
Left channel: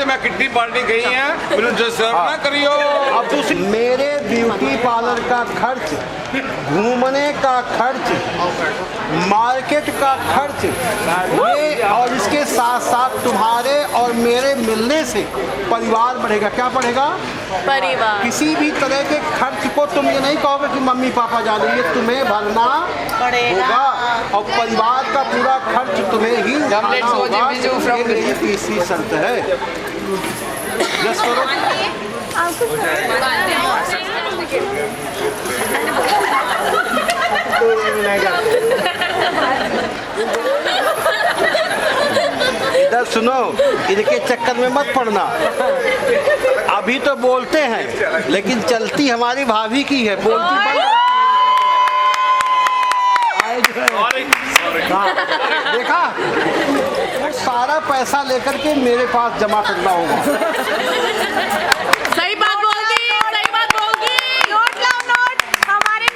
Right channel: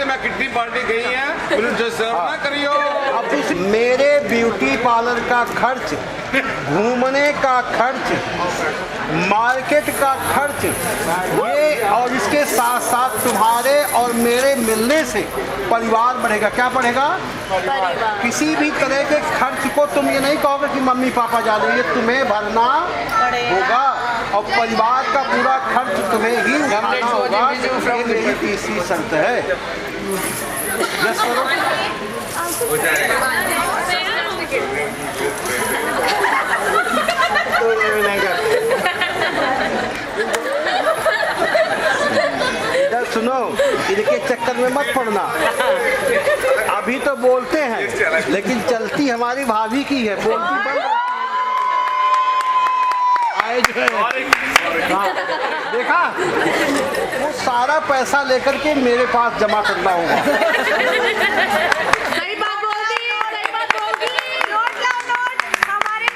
मैं कितनी पार्टी गई है करियो। अब मेरे ब्यूटी पार्लर का खर्च, घूमने का खर्च, मार्केट का खर्च, ये और इसके साथ साथ तुम्हारे और मेरे मिलने से परिवार बढ़ेगा। क्या बढ़ेगा? परिवार। किसी भी तरह के खर्च को तुम ये नहीं कहोगे कि मम्मी पापा जा रही है, तुम्हें भरना होगा और परिवार का पूरा खर्च तुम्हें ही उठाना होगा। ये मेरी तीसरी शर्त है। यस करो। इधर सुनो, इनके चक्कर में मत पड़ना। अभी तो बोलते हैं लेकिन चलती हमारी भाभी की है, बोलती बंद आए जो है। हाँ, देखा, वो सारा पैसा लेकर के मेरे पास जमा करना होगा। सही बात बोल दी, सही बात बोल दी। नोट लाओ, नोट, हमारे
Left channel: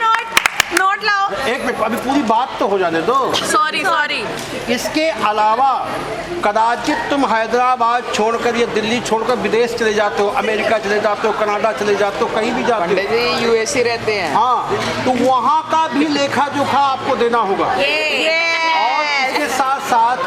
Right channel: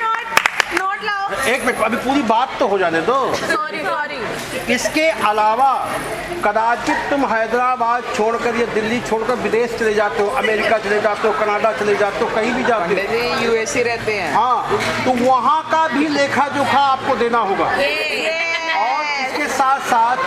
नोट लाओ। एक मिनट, अभी पूरी बात तो हो जाने दो। सॉरी। इसके अलावा कदाचित तुम हैदराबाद छोड़कर या दिल्ली छोड़कर विदेश चले जाते हो, अमेरिका चले जाते हो, कनाडा चले जाते हो, कहीं भी जाते हो, यूएसए रहते हैं। हाँ, तो वहाँ का भी लेखा जोखा आपको देना होगा। और इसके साथ साथ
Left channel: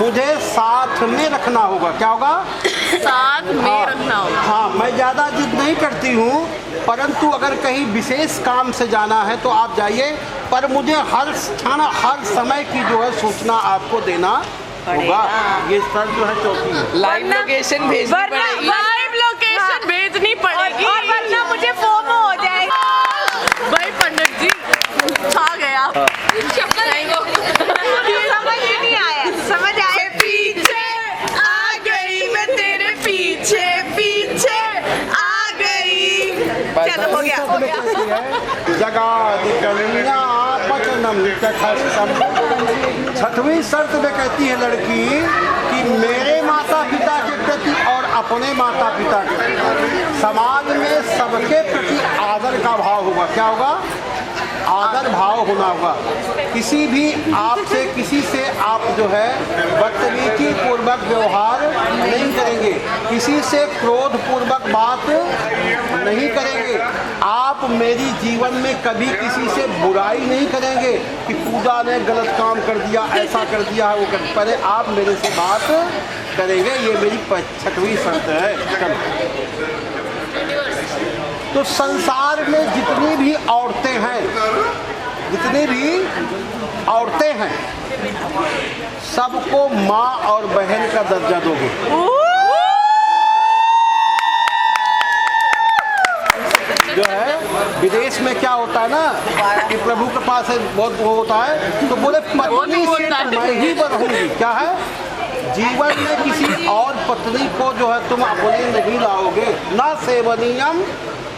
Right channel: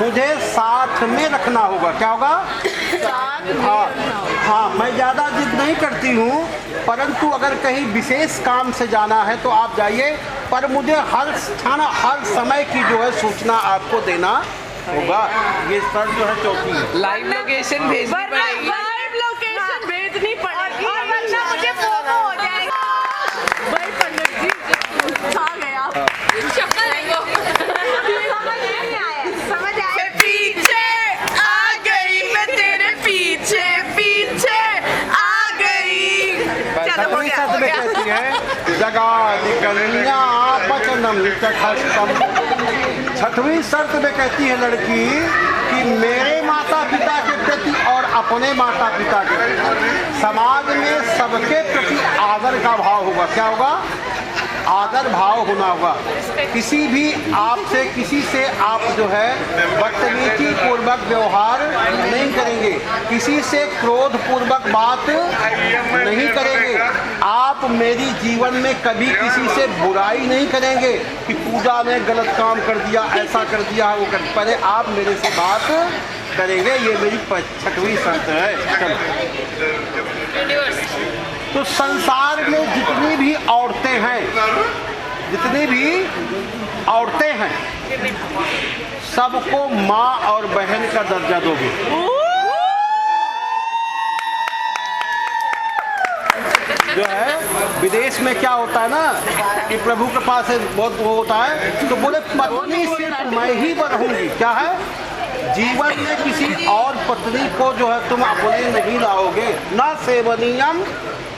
मुझे साथ में रखना होगा। क्या होगा? साथ में हाँ, रखना होगा। हाँ, मैं ज़्यादा जिद नहीं करती हूँ, परंतु अगर कहीं विशेष काम से जाना है तो आप जाइए, पर मुझे हर स्थान हर समय की जो है सूचना आपको देना होगा। ये सर जो है चौथी है। लाइव लोकेशन भेजनी पड़ेगी। लाइव लोकेशन भेजनी पड़ेगी और वरना मुझे फोमो हो जाएगा। भाई पंडित जी छा गया। शक्ल है वो। समझ नहीं आया, समझ आया। पीछे आ गई मैं, तेरे पीछे पीछे आ गई। चलो हो गया। जगादि कन्या वचनम चखस्तम। छठवीं शर्त में कहती है लड़की कि मेरे माता पिता के प्रति और अपने माता पिता के प्रति समाज में सबके प्रति आदर का भाव होगा। क्या होगा? आदर भाव होना होगा। किसी भी आपसे किसी से आप जो है बदतमीजी पूर्वक व्यवहार नहीं करेंगे, किसी से क्रोध पूर्वक बात नहीं करेंगे। आप मेरी जीवन में कभी किसी से बुराई नहीं करेंगे कि पूजा ने गलत काम कर दिया, ऐसा कर दिया, वो कर। पहले आप मेरे से बात करेंगे। ये मेरी छठवीं शर्त है। तो संसार में जितनी भी औरतें हैं, सबको माँ और बहन का दर्जा दोगे। जो है विदेश में क्या होता है ना कि प्रभु के पास बहुत वो होता है, तो बोले पत्नी सिर्फ मैं ही रहूंगी। क्या है? जीवन में किसी और पत्नी को जो है तुम अपने नहीं लाओगे। ना सेवनीयम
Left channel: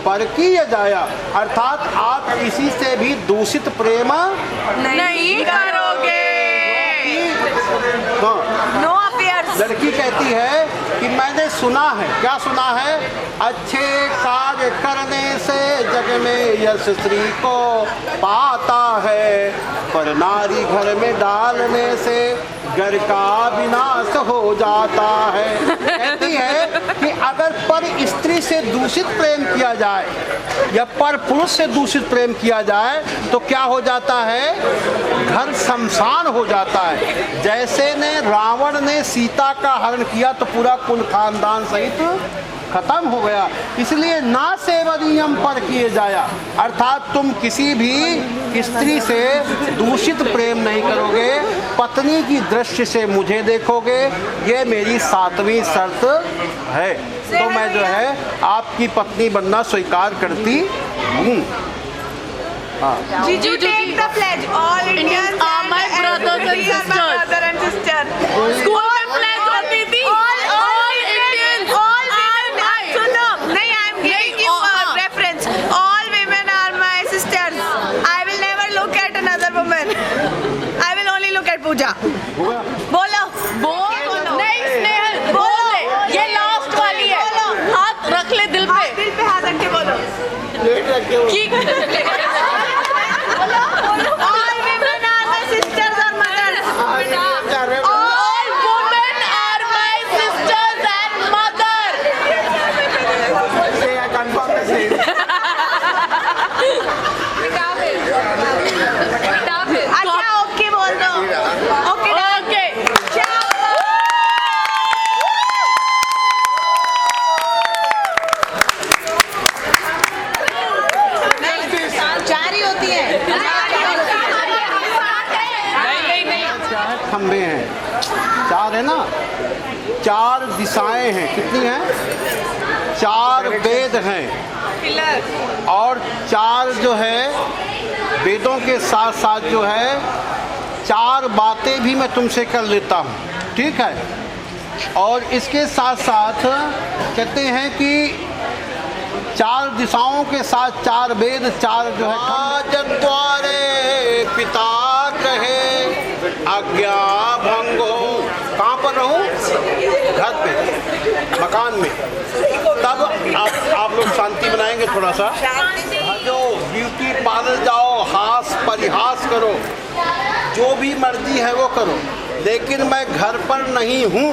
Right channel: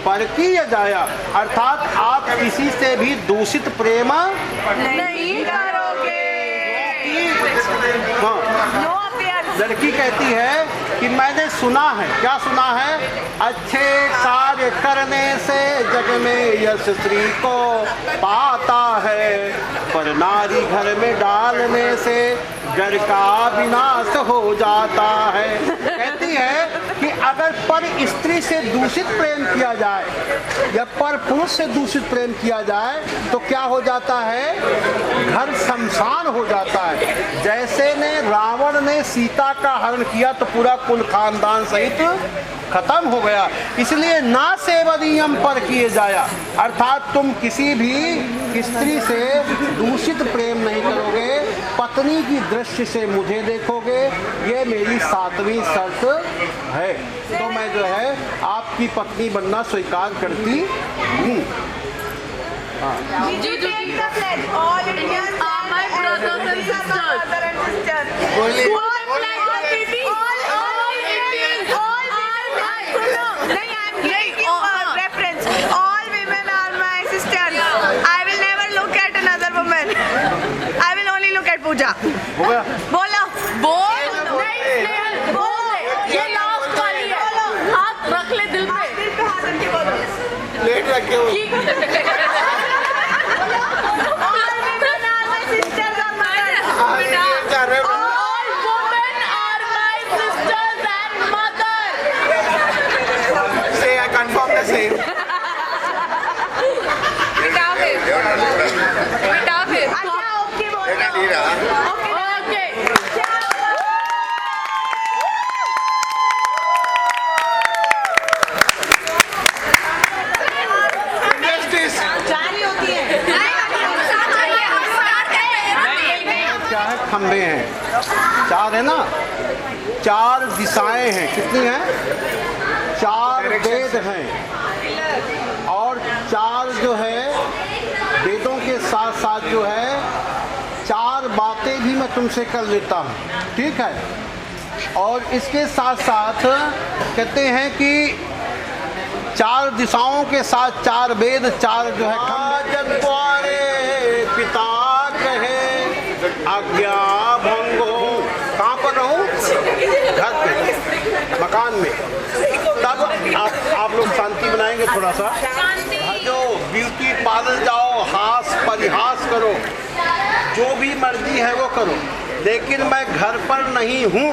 परकीय जाया, अर्थात आप किसी से भी दूषित प्रेम नहीं करोगे। हाँ, लड़की कहती है कि मैंने सुना है। क्या सुना है? अच्छे कार्य करने से जग में यश स्त्री को पाता है, पर नारी घर में डालने से जड़ का विनाश हो जाता है। कहती है कि अगर पर स्त्री से दूषित प्रेम किया जाए या पर पुरुष से दूषित प्रेम किया जाए तो क्या हो जाता है? घर शमशान हो जाता है। जैसे ने रावण ने सीता का हरण किया तो पूरा कुल खानदान सहित खत्म हो गया। इसलिए ना सेवनीयम पर किए जाया, अर्थात तुम किसी भी स्त्री से दूषित प्रेम नहीं करोगे, पत्नी की दृष्टि से मुझे देखोगे। ये मेरी 7वीं शर्त है। तो मैं जो है आपकी पत्नी बनना स्वीकार करती हूँ। You take the pledge. All Indians are my brothers and sisters. Brother and sister. School में pledge होती थी. All Indians, all women. सुनो, नहीं I am giving you a reference. All women are my sisters. I will never look at another woman. I will only look at Pooja. बोलो. बोलो. नहीं स्नेहल. बोलो. ये लास्ट वाली है. हाथ रख ले दिल पे. दिल पे हाथ रख के बोलो. प्लेट रखे हो। खंबे हैं, 4 है ना, 4 दिशाएं हैं। कितनी हैं? 4 वेद हैं और 4 जो है वेदों के साथ साथ जो है 4 बातें भी मैं तुमसे कर लेता हूँ, ठीक है। और इसके साथ साथ कहते हैं कि 4 दिशाओं के साथ 4 वेद, 4 जो है जद्वारे पिता कहे आज्ञा भंग हो। कहाँ पर रहूं? घर पे, मकान में। तब आप लोग शांति बनाएंगे थोड़ा सा। जो ब्यूटी पार्लर जाओ, हास परिहास करो, जो भी मर्जी है वो करो, लेकिन मैं घर पर नहीं हूँ।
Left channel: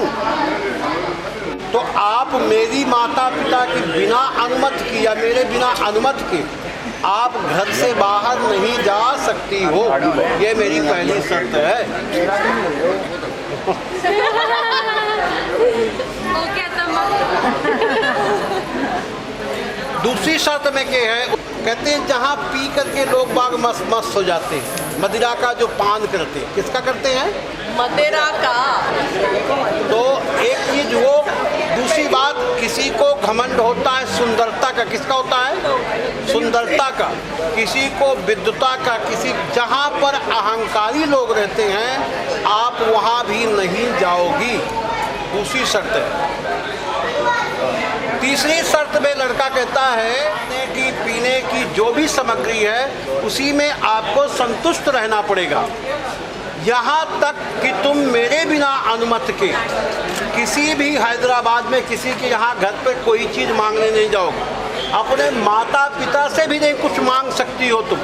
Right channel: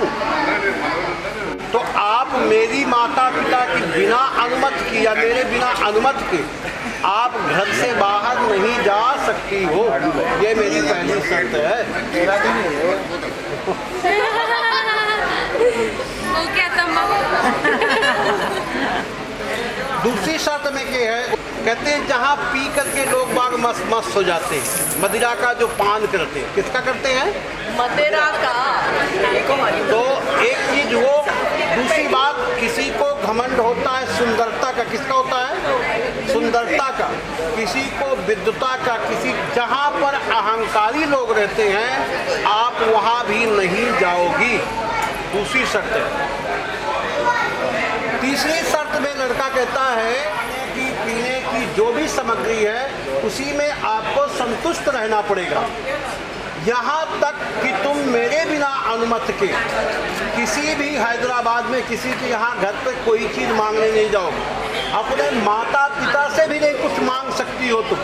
तो आप मेरी माता पिता की बिना अनुमति की या मेरे बिना अनुमति के आप घर से बाहर नहीं जा सकती हो। ये मेरी पहली शर्त है। दूसरी शर्त में क्या है? कहते हैं जहाँ पी करके लोग बाग मस्त मस्त हो जाते हैं, मदिरा का जो पान करते हैं, किसका करते हैं? मदिरा का। तो एक चीज वो। दूसरी बात, किसी को घमंड होता है सुंदरता का। किसका होता है? सुंदरता का। किसी को विद्वता का। किसी जहाँ पर अहंकारी लोग रहते हैं आप वहाँ भी नहीं जाओगी। दूसरी शर्त है। तीसरी शर्त में लड़का कहता है कि पीने की जो भी सामग्री है उसी में आपको संतुष्ट रहना पड़ेगा। यहाँ तक कि तुम मेरे बिना अनुमति के किसी भी हैदराबाद में किसी के यहाँ घर पे कोई चीज़ मांगने नहीं जाओगे। अपने माता पिता से भी नहीं कुछ मांग सकती हो तुम।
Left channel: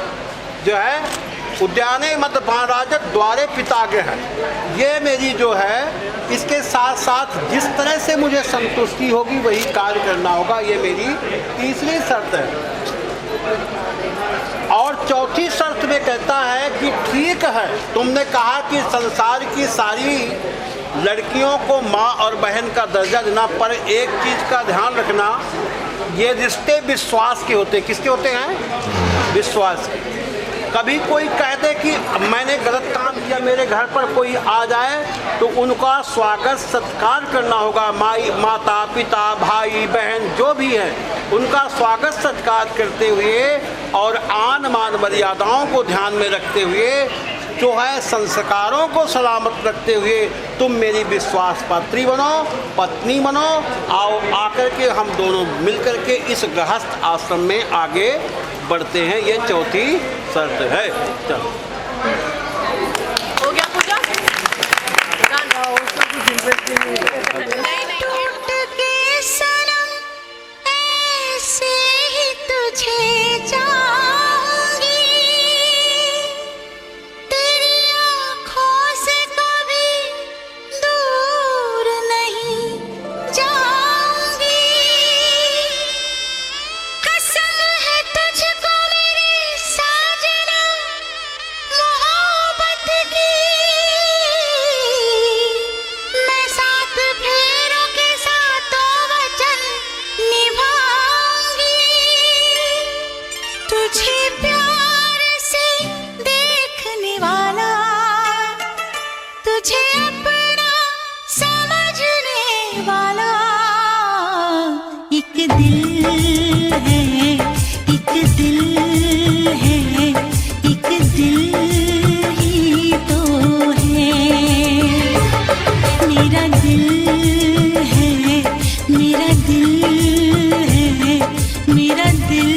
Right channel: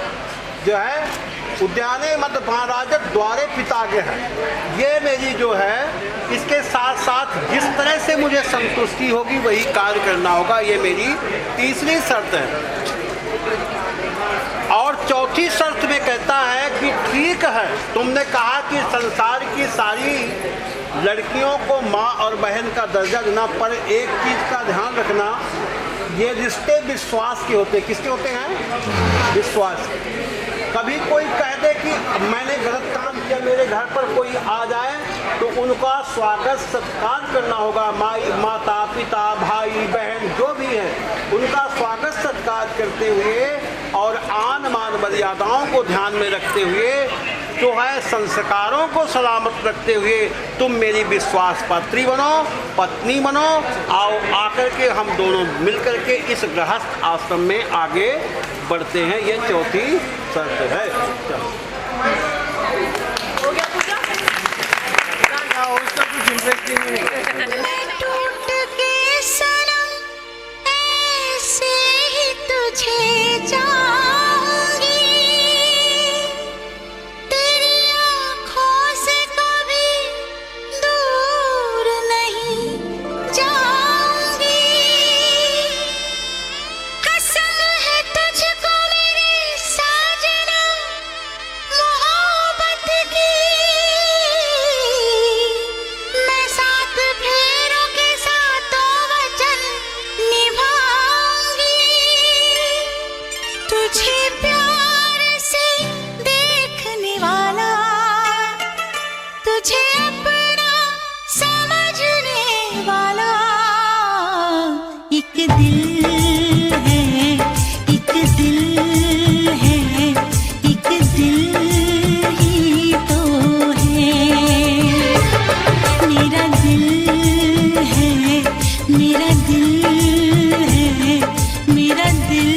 जो है उद्याने मत महाराज द्वारे पिता के हैं। ये मेरी जो है, इसके साथ साथ जिस तरह से मुझे संतुष्टि होगी वही कार्य करना होगा। ये मेरी तीसरी शर्त है। और चौथी शर्त में कहता है कि ठीक है, तुमने कहा कि संसार की सारी लड़कियों को माँ और बहन का दर्जा देना, पर एक चीज़ का ध्यान रखना, ये रिश्ते विश्वास के होते। किसके होते हैं? विश्वास। कभी कोई कह दे कि मैंने गलत काम किया, मेरे घर पर कोई आ जाए तो उनका स्वागत सत्कार करना होगा। माता पिता भाई बहन जो भी हैं उनका स्वागत सत्कार करते हुए और आन मान मर्यादाओं को ध्यान में रखते हुए, जो है संस्कारों को सलामत रखते हुए तुम मेरी विश्वास पात्री बनो, पत्नी बनो। आओ आकर के हम दोनों मिलकर के इस गृहस्थ आश्रम में आगे बढ़ते हैं। ये चौथी शर्त है। चलो हो गया पूजा। टूट के सनम ऐसे ही तुझे चाहूंगी, तेरी आँखों से कभी एक दिल है, एक दिल है, एक दिल ही तो है। मेरा दिल है, मेरा दिल है, मेरा दिल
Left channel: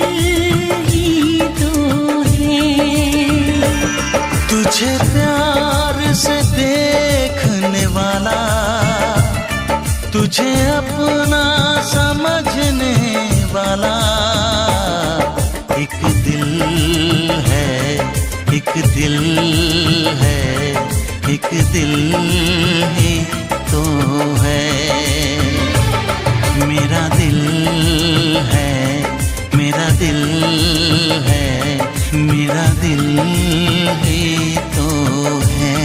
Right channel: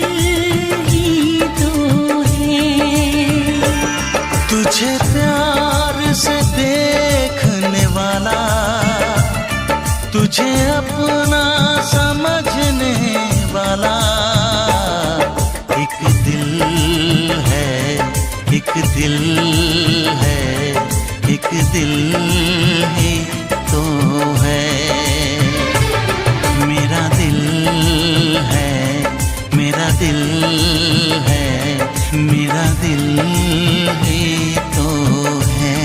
ही तो है। तुझे प्यार से देखने वाला, तुझे अपना समझने वाला, एक दिल है, एक दिल है, एक दिल ही तो है। मेरा दिल है, मेरा दिल है, मेरा दिल ही तो है।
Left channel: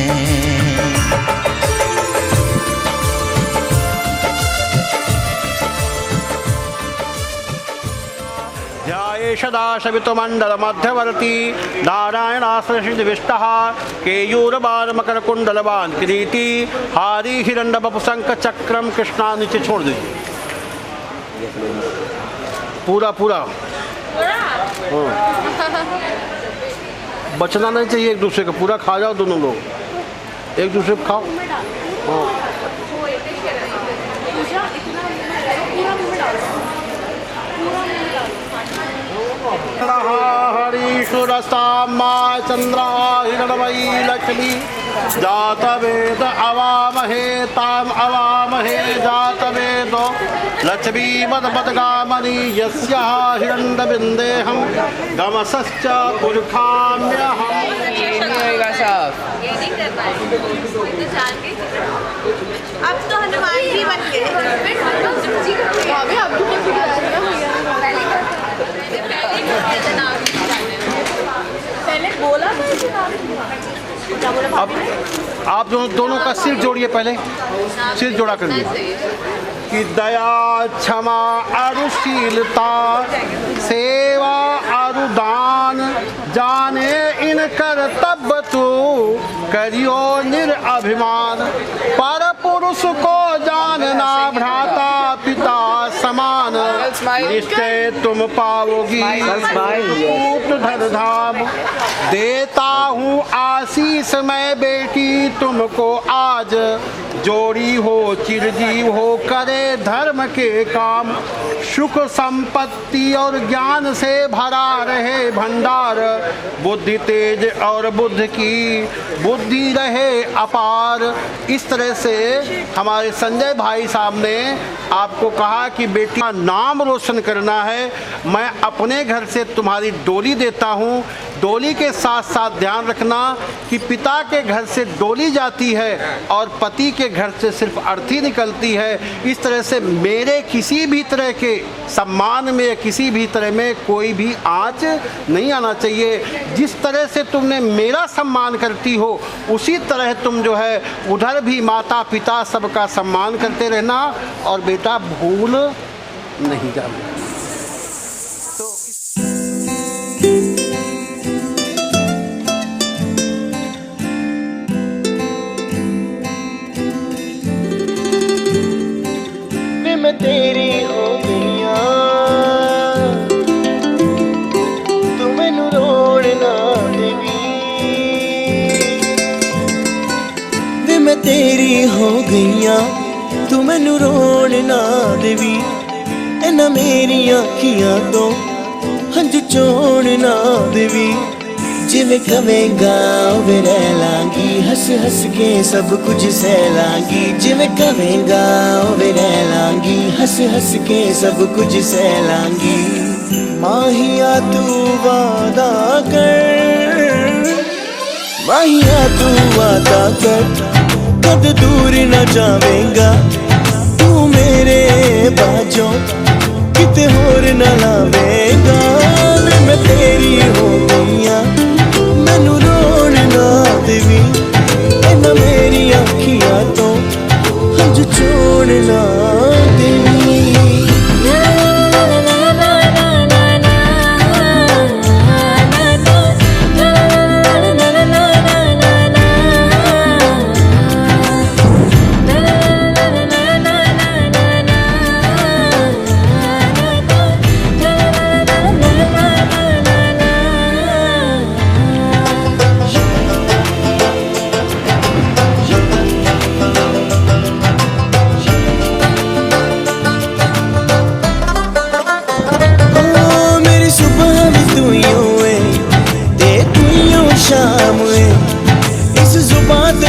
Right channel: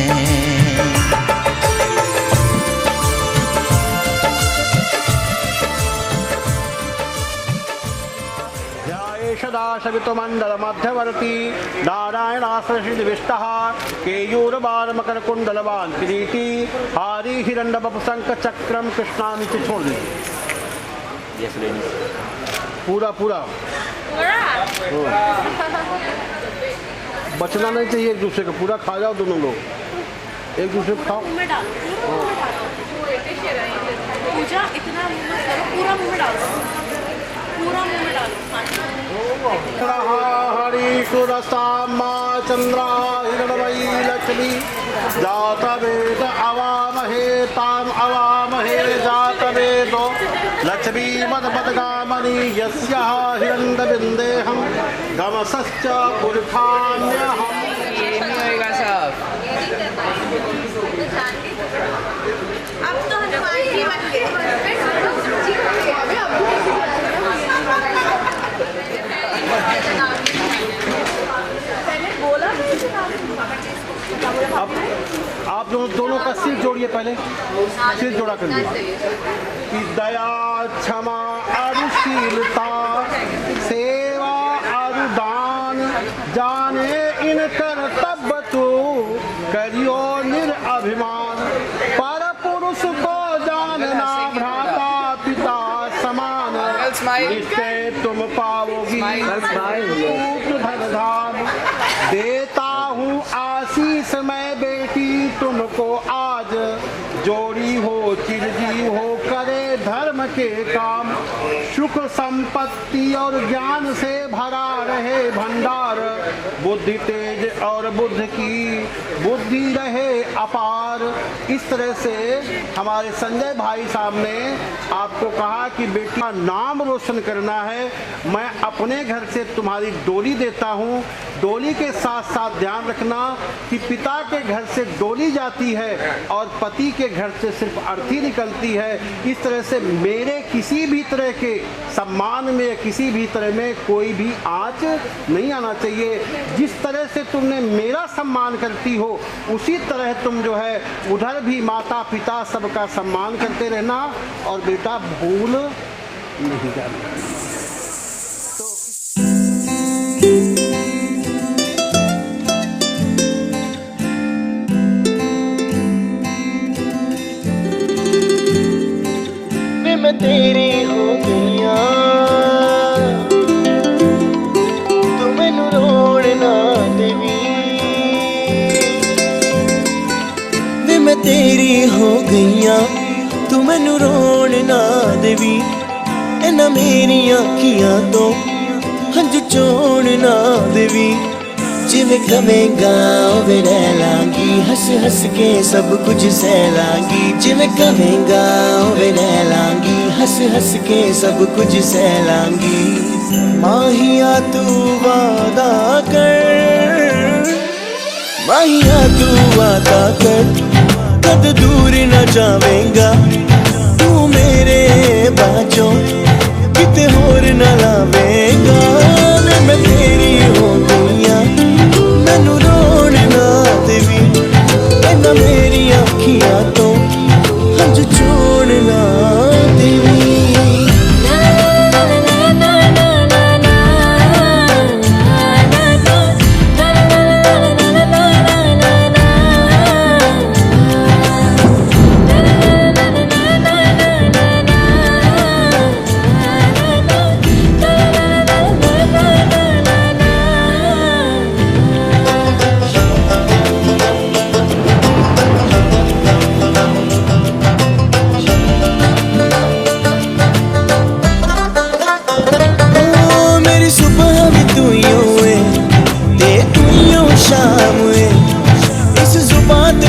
सदाशिवितुमण्डलमध्यवर्ती नारायणाश्रयविष्टः केयूरबालमकरकुण्डलवान् किरीटी हारी हिरण्यवपुशङ्खचक्रं कृष्णा। नीचे छोड़ दीजिए पूरा पूरा, बचना नहीं चाहिए एक दूसरे का, पूरा खा जाओ दोनों लोग, एक दूसरे को खाओ। हरीश्वरस्ताम्मा चंद्रा हिरणमयी लक्ष्मी जातवेद अवामहे ताम अवामहे जातवेदो लक्ष्मी मदमदगामणि यस्याः हिरण्यबिन्देहं गमसश्च पुरखाम्यहम्। ये नहीं होएगा साहब। अब तो हनुमान जी बन गए। पहले बोला अब आप दोनों का सिर जोड़िए, पहले सिर जोड़ा कर दिया कि दया क्षमा अरुशीलता सेवा अरुदान जाने इन कर्तव्य तू करियो निरअभिमान। पर पुरुष को जानना भ्राता पिता समान, निश्चय तुम पाओगी धन धाम। देता हूँ आशीष मैं बेटी तुमको आज, जोड़ी हो चिरजीव हो करे धर्म के काम। सुख संपत्ति और ज्ञान से भरा रहे भंडार, बुद्धि तेज और बुद्ध की बुद्धि रहे अपार। इस तरह से हमारे संजय भाई साहब ने आपको कहा कि बेटी का नाम रोशन करना है। मैं अपने घर से तुम्हारी डोली देता हूँ, डोली के साथ साथ ध्यान रखना कि पिता के घर से डोली जाती है और पति के घर से सिर्फ अर्थी निकलती है। इस तरह से मेरे किसी भी तरह के सम्मान में, किसी भी तरह में कोई भी आँच नहीं आना चाहिए। जिस तरह से तुमने मेरा सम्मान करती हो, उसी तरह तुम जो है उधर भी माता पिता सबका सम्मान करते रहना, और बेटा भूल नहीं जाना। मैं तेरी हो गईया, तू मैनू रोण ना देवी। वे मैं तेरी हो गईया, तू मैनू रोण ना देवी। इन्हां मेरियां अखियां तो हंझू चोण ना देवी। जिवें कवेंगा उवें रह लांगी, हंस हंस के सब कुछ सह लांगी। जिवें कवेंगा उवें रह लांगी, हंस हंस के सब कुछ सह लांगी। माहिया तू वादा कर, माहिया तू वादा कर, कद दूर न जावेंगा तू मेरे बाजों, किते होर न लावेंगा। मैं तेरी हो गईया, मैनू रोण ना देवी। इन्हां मेरी अखियां तो हंझू छोड़ ना देवी।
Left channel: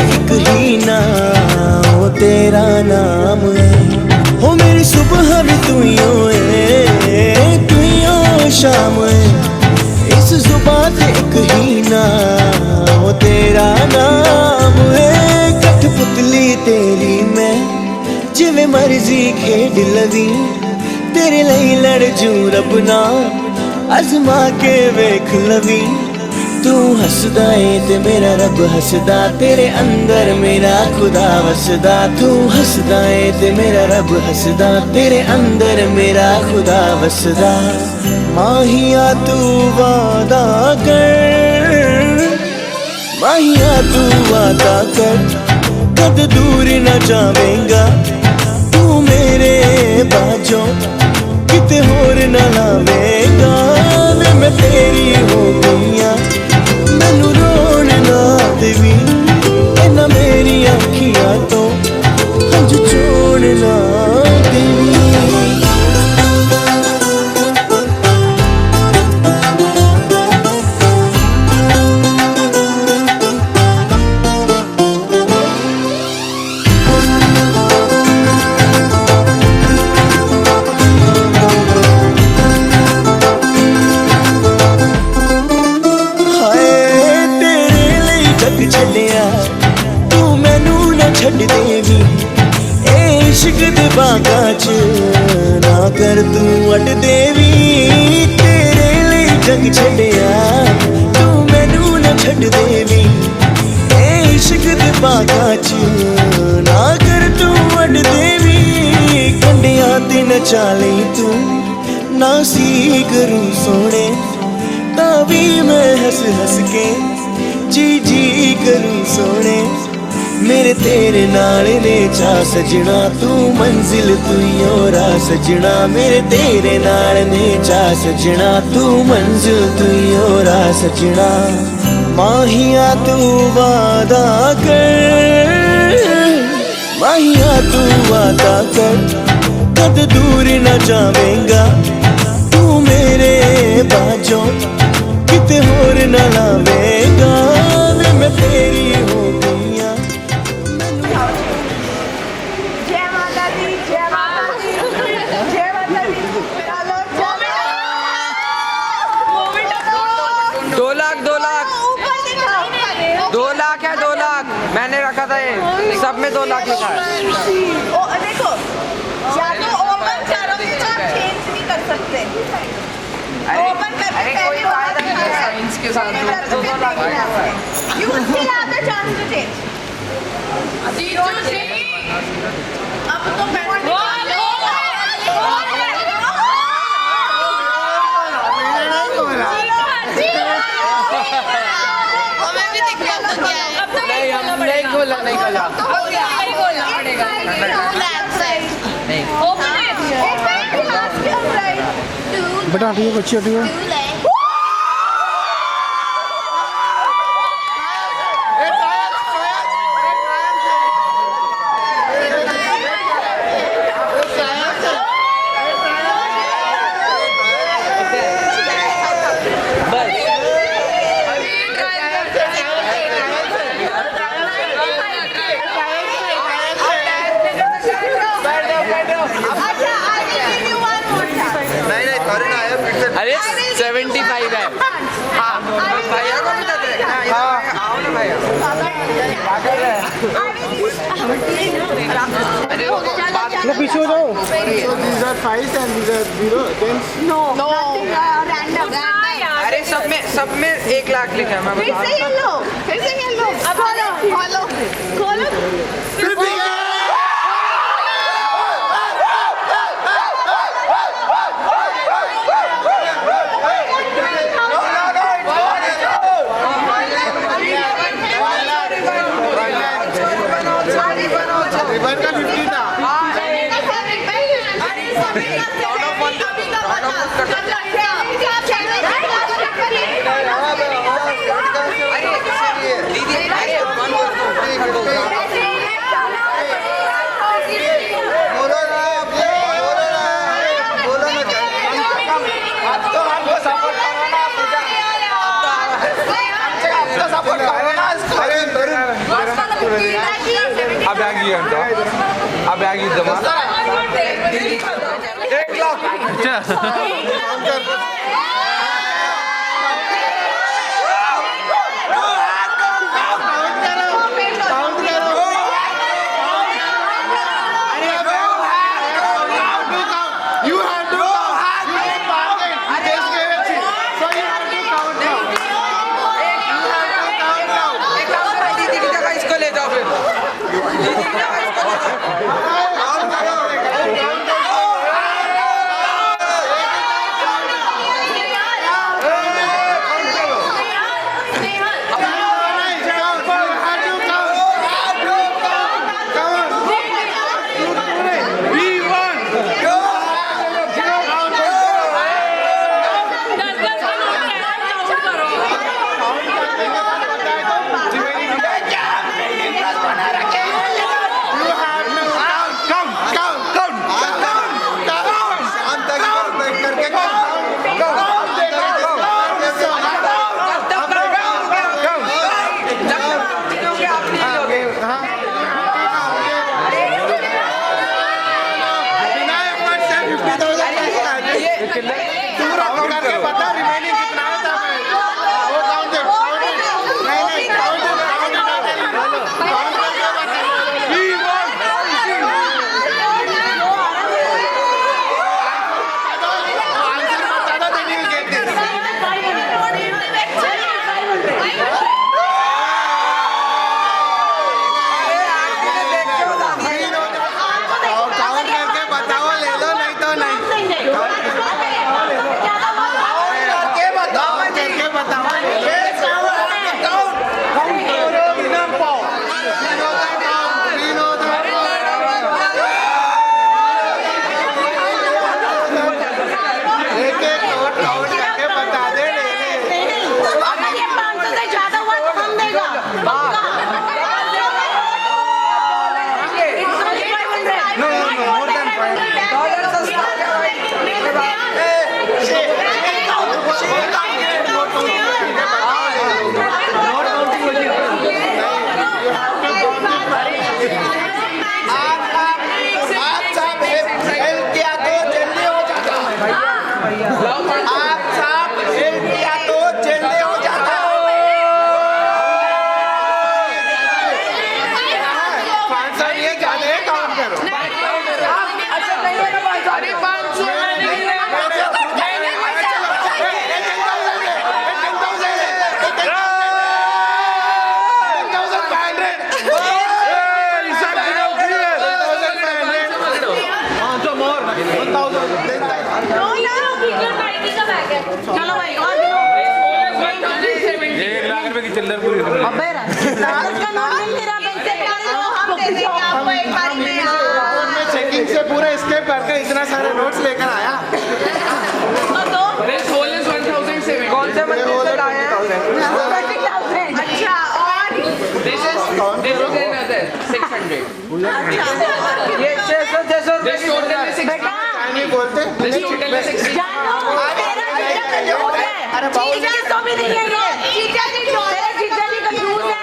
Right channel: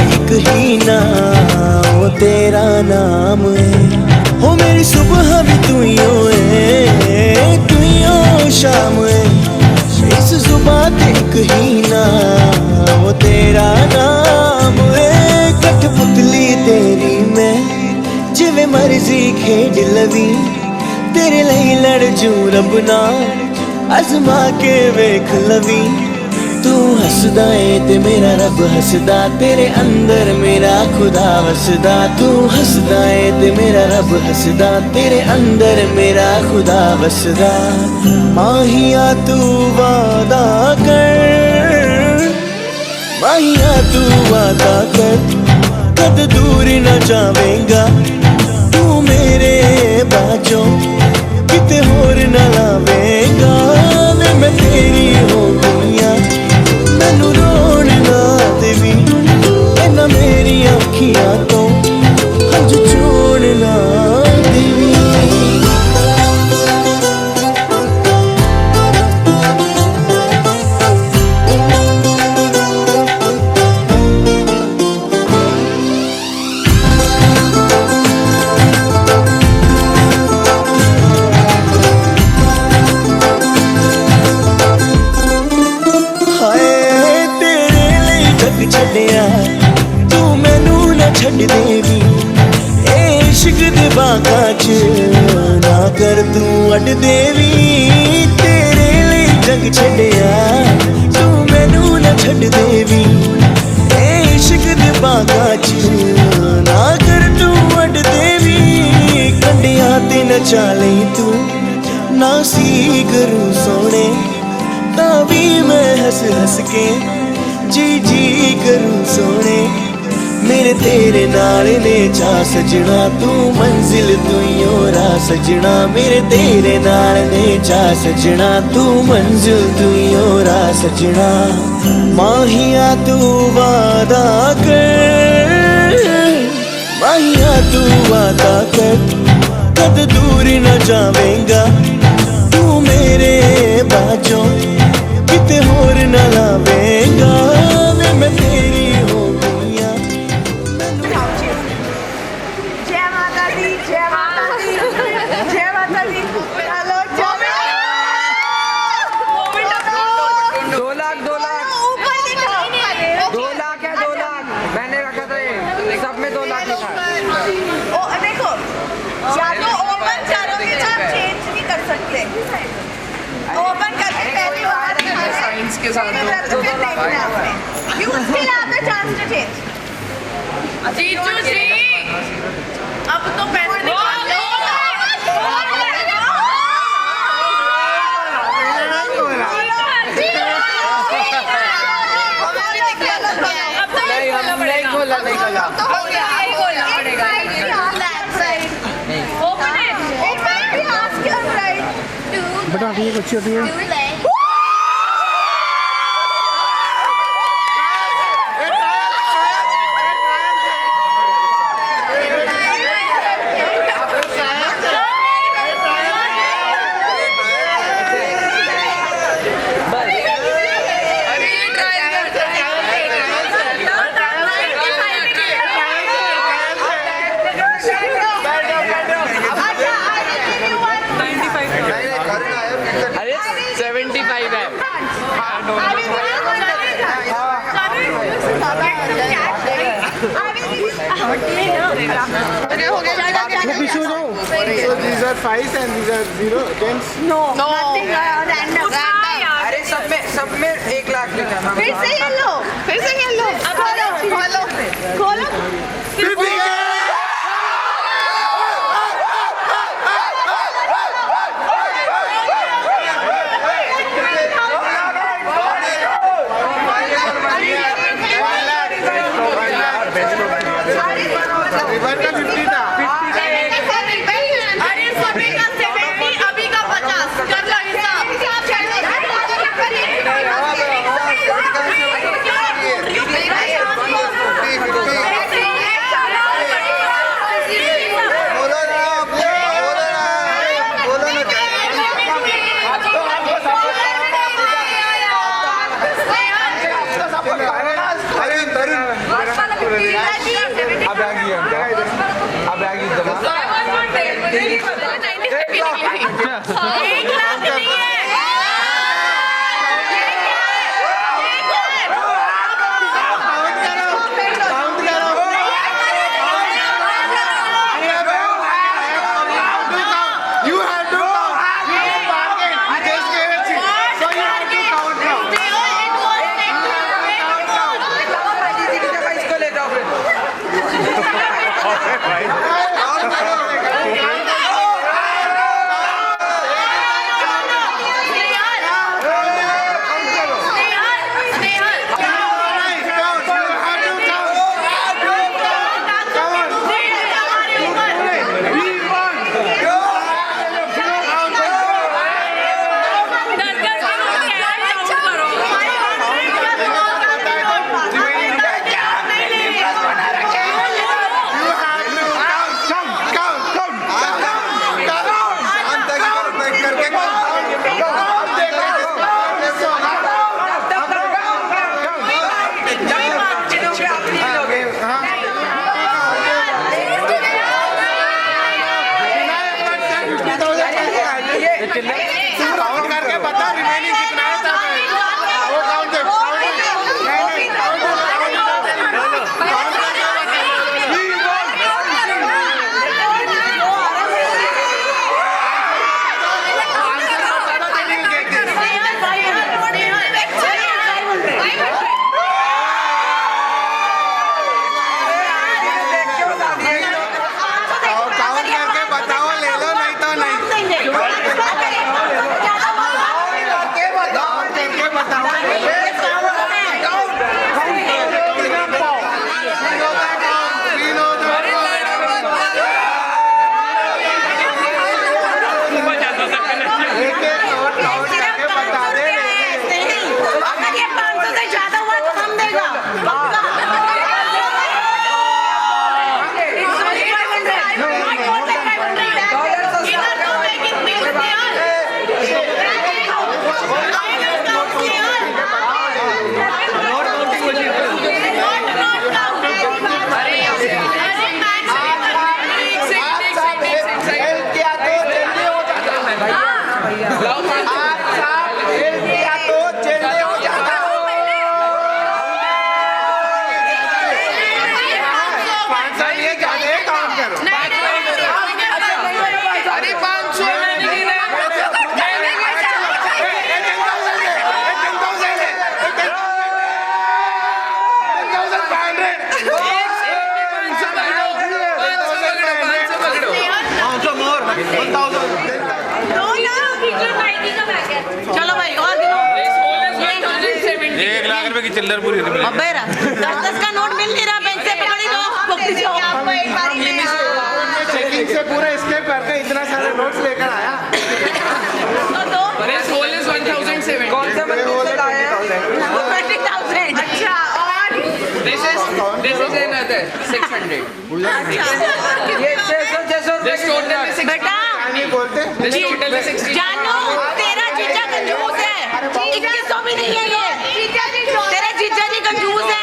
एक ही नाम, वो तेरा नाम है। हो मेरी सुबह भी तू ही है, तू ही हो शाम है। इस जुबान ते एक ही नाम, वो तेरा नाम है। कठपुतली तेरी मैं जिवें मर्जी खेड लवी, तेरे लिए लड़ जू रब ना अजमा के वेख लवी। तू हसदा है ते मेरा रब हसदा, तेरे अंदर मेरा खुदा वसदा। तू हसदा है ते मेरा रब हसदा, तेरे अंदर मेरा खुदा वसदा। माहिया तू वादा कर, माहिया तू वादा कर, कद दूर न जावेंगा तू मेरे बाजों, किते होर न लावेंगा। वे मैं तेरी हो गईया, मैनू रोन ना देवी, इन्ना मेरी अखियां तो हंझू चोण ना देवी। छड़िया तू मैनू न छड़ देवी, ए इश्क दे बागां च ना कर तू अड देवी। तेरे लिए जग छड़िया तू मैनू न छड़ देवी, ए इश्क दे बागां च ना कर तू अड देवी। कंडिया ते नचा लई तू ना सी करूं सोने, तां भी मैं हंस हंस के जी जी करूं सोने। मेरे तेरे नाल ने चा सजना, तू मंजिल तू ही राह सजना। मेरे तेरे नाल ने चा सजना, तू मंजिल तू ही राह सजना। माहिया तू वादा कर, माहिया तू वादा कर, कद दूर न जावेंगा तू मेरे बाजों, किते होर न लावेंगा। वे मैं तेरी हो गईया, मैनू जय माता दी, जय माता दी, जय माता दी। हेलो मोमेंट 2 लाख 2 लाख ऊपर दिखाओ। 2 लाख है 2 लाख मैंने रखा था ये, सब में 2 लाख लिखा है। ओ देखो, या तो ओपन चारोगे तो आप चेंज नहीं कर सकते। ओपन करके पहले बाहर साइंस के साथ तो फिर देखना है आपने। You still have the chance to change. अब तो पैसे नहीं खोला नहीं खोला। बटा ठीक है, अच्छी हटी है। अरे 75 है। पीछे हो जाओ। So these are 5 and these are 0. Then अरे सब में 1 लाख लिखा है। फिर से खेल लो। अब खोलो। रिवर का 50 था। You have to count. You didn't bargain. You just gave a seat. So you have to count now. You have to count now. इसको ले जाओ फिर Count करो. तू काउंट करके बता रिमेनिंग कितना है तब वो काउंट दे नहीं काउंट करके बता आंसर बता दो then you get this count करके बताओ ले लो नहीं तो नहीं चलो भाई और ₹1,00,000 की चिल्लर पूरी हो गई। 10 का नोट मिल नहीं रहा पैसे पड़ी आपको एक बार में चेकिंग से पूरा स्केप करके इतना सारे नोट्स लेकर आया तो कौन से मंदिर से लाए हैं 20,000 अच्छा और दिस इज 600 ये 600 रुपए की नोट है बेटा नहीं बोलते जानो तेरा जीजा कंजूस है जीजा तो भी नहीं है ये जीजा जी तेरा जीजा जी कंजूस है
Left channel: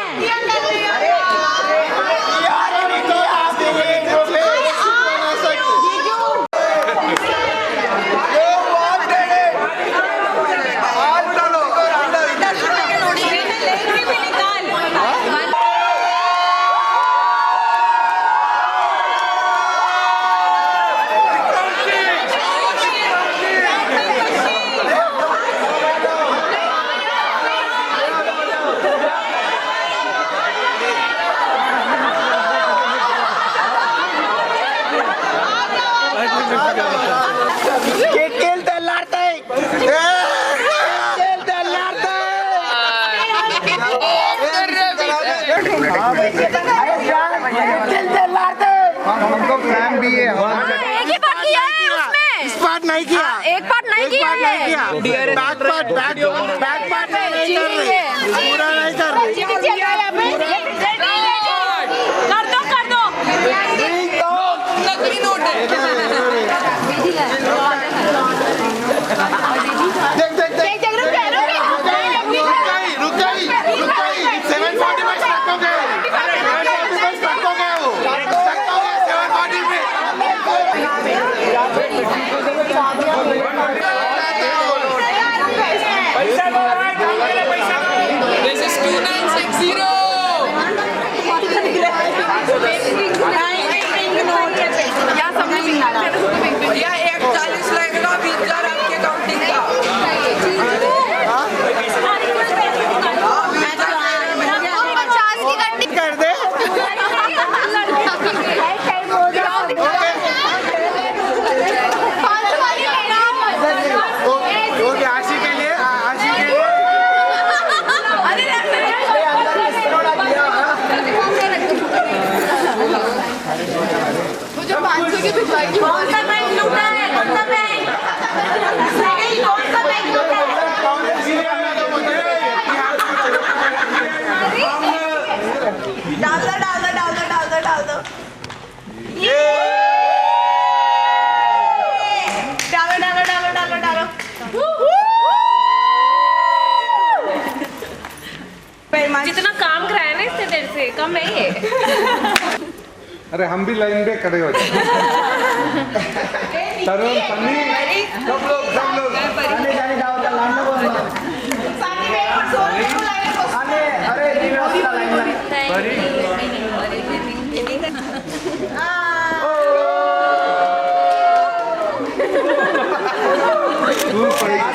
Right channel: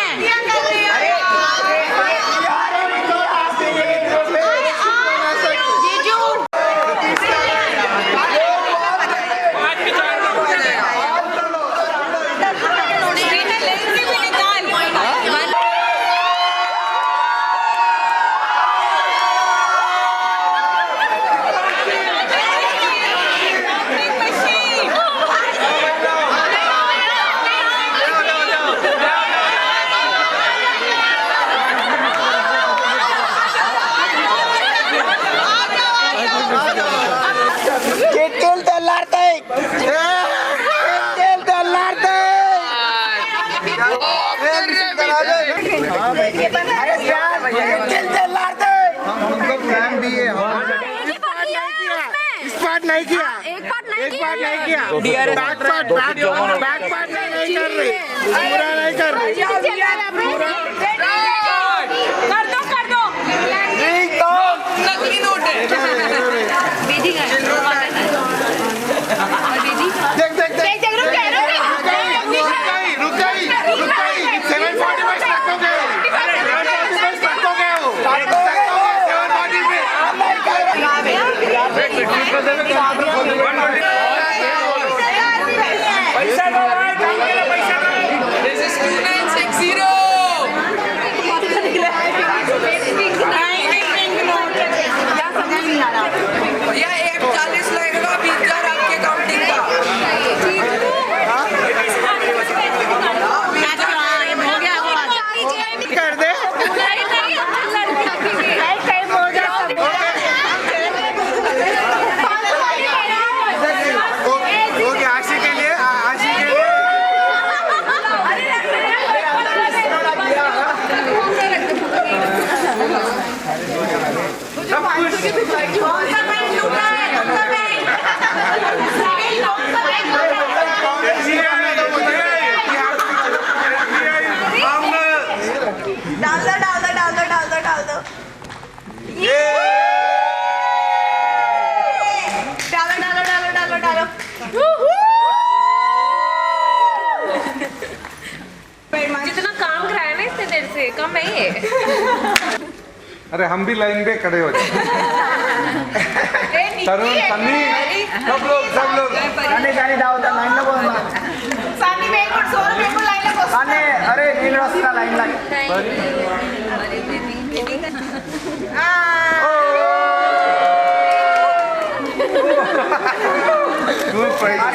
नहीं किया एक पार्ट नहीं किया बैक पार्ट नहीं कर रही पूरा नहीं कर रही कर दो नकली नोट है देख रुक गई 745 तक हो गए 745 तक हो गए 740 पे This is 2960. या 41 लगेगा 20,000 आपके काउंटिंग का। कर दे ओके आशी के लिए कौन सा बैंक लूटा है? कौन सा बैंक? कौन सा बैंक लूटा है? डाल दो डाल दो डाल दो डाल दो डाल दो डालो डालो डालो डालो डालो जितना काम कराया ना इससे देर से कम है ये। अरे हम भी लाइन पे खड़े हो जाए तरुण सन्नी सब लोग सानी में एक सौ रुपए को लाइन को अरे दूर पड़ेगा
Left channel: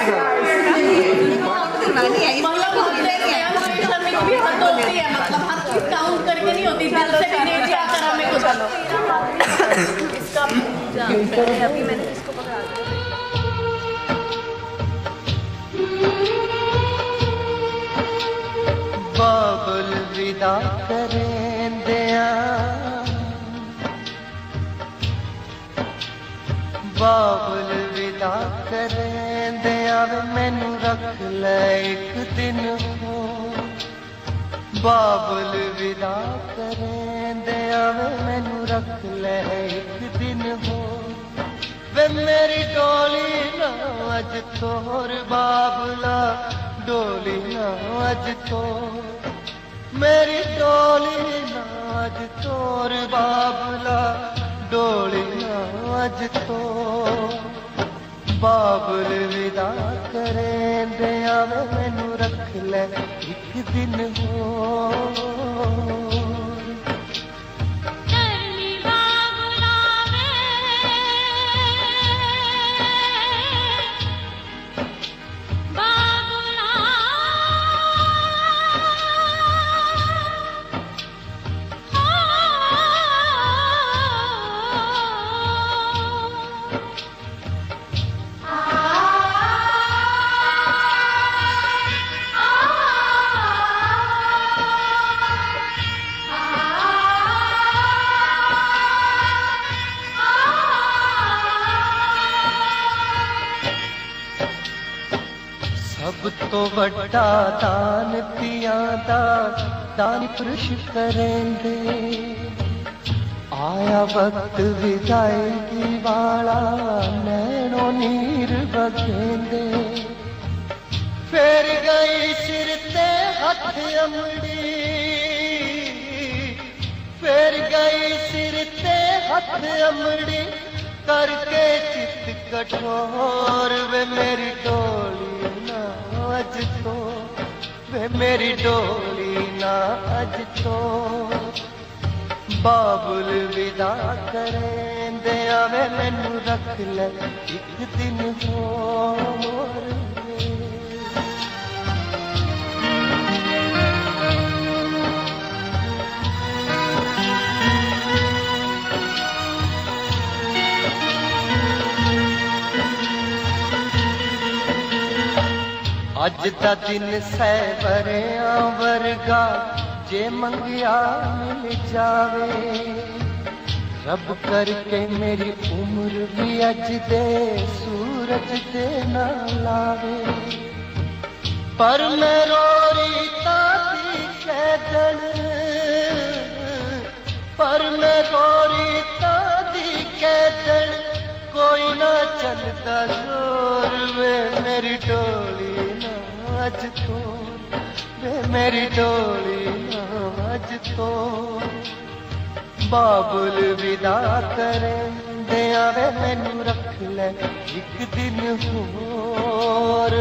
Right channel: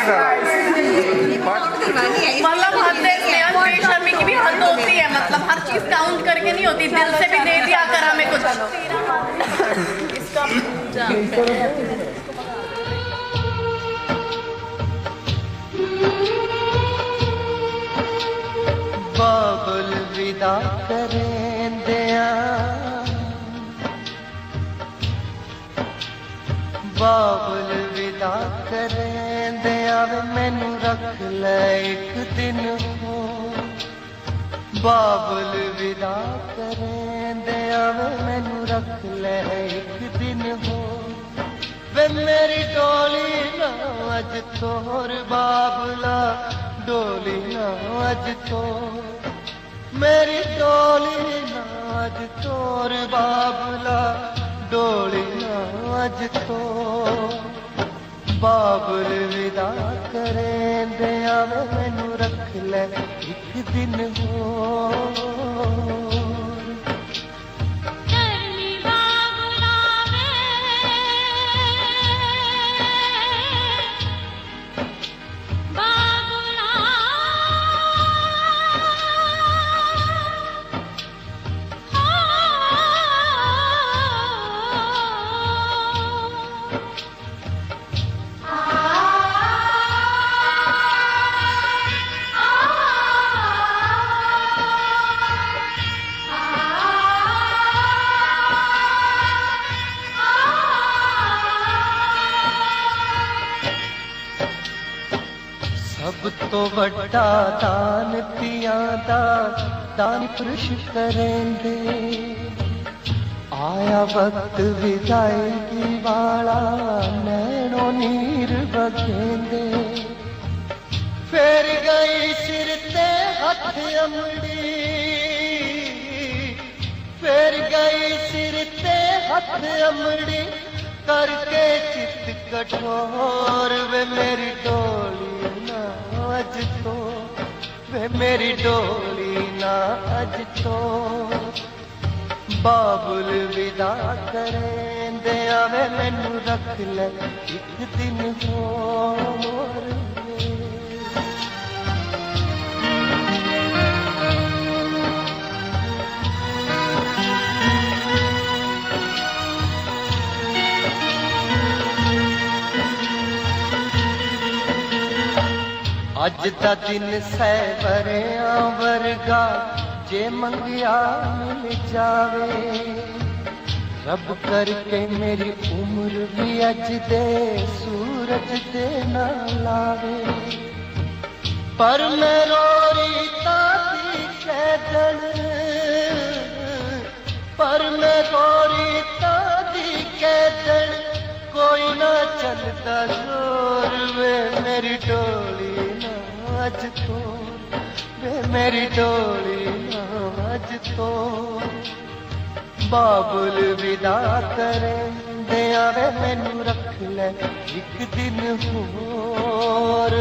मतलब हर चीज काउंट करके नहीं होती, दिल से भी दे दिया कर हमें कुछ। इसका बाबुल विदा करें दिया बाबुल विदा करें दिया मैनू रख ले एक दिन हो बाबुल विदा करें दिया मैनू रख ले एक दिन हो वे मेरी डोली ना अज तोर बाबला डोली ना अज तो मेरी डोली ना अज तोर बाबला डोली ना अज तो बाबुल विदा करें दिया मैनू रख ले एक दिन हो सब तो बड़ा दान पियां दा दान पुरुष करेंगे आया वक्त विदाई वाला नैनो नीर बगेंगे फिर गई सिर ते हथ अमड़ी फिर गई सिर ते हथ अमड़ी करके चित कठोर वे मेरी डोली ना अज तो वे मेरी डोली ना अज तो बाबुल विदा करें दिया वे मैनू रख ले एक दिन होर अज दा दिन सैवरिया वर्गा जे मंगिया मिल जावे रब करके मेरी उम्र भी अज दे सूरज दे ना लावे पर मैं रोरी ताती कैदन पर मैं रोरी ताती कैदन कोई ना चलता जोर वे मेरी डोली ना अज तो वे मेरी डोली ना अज तो बाबुल विदा करें जिंदे आवे मैनू रख ले एक दिन होर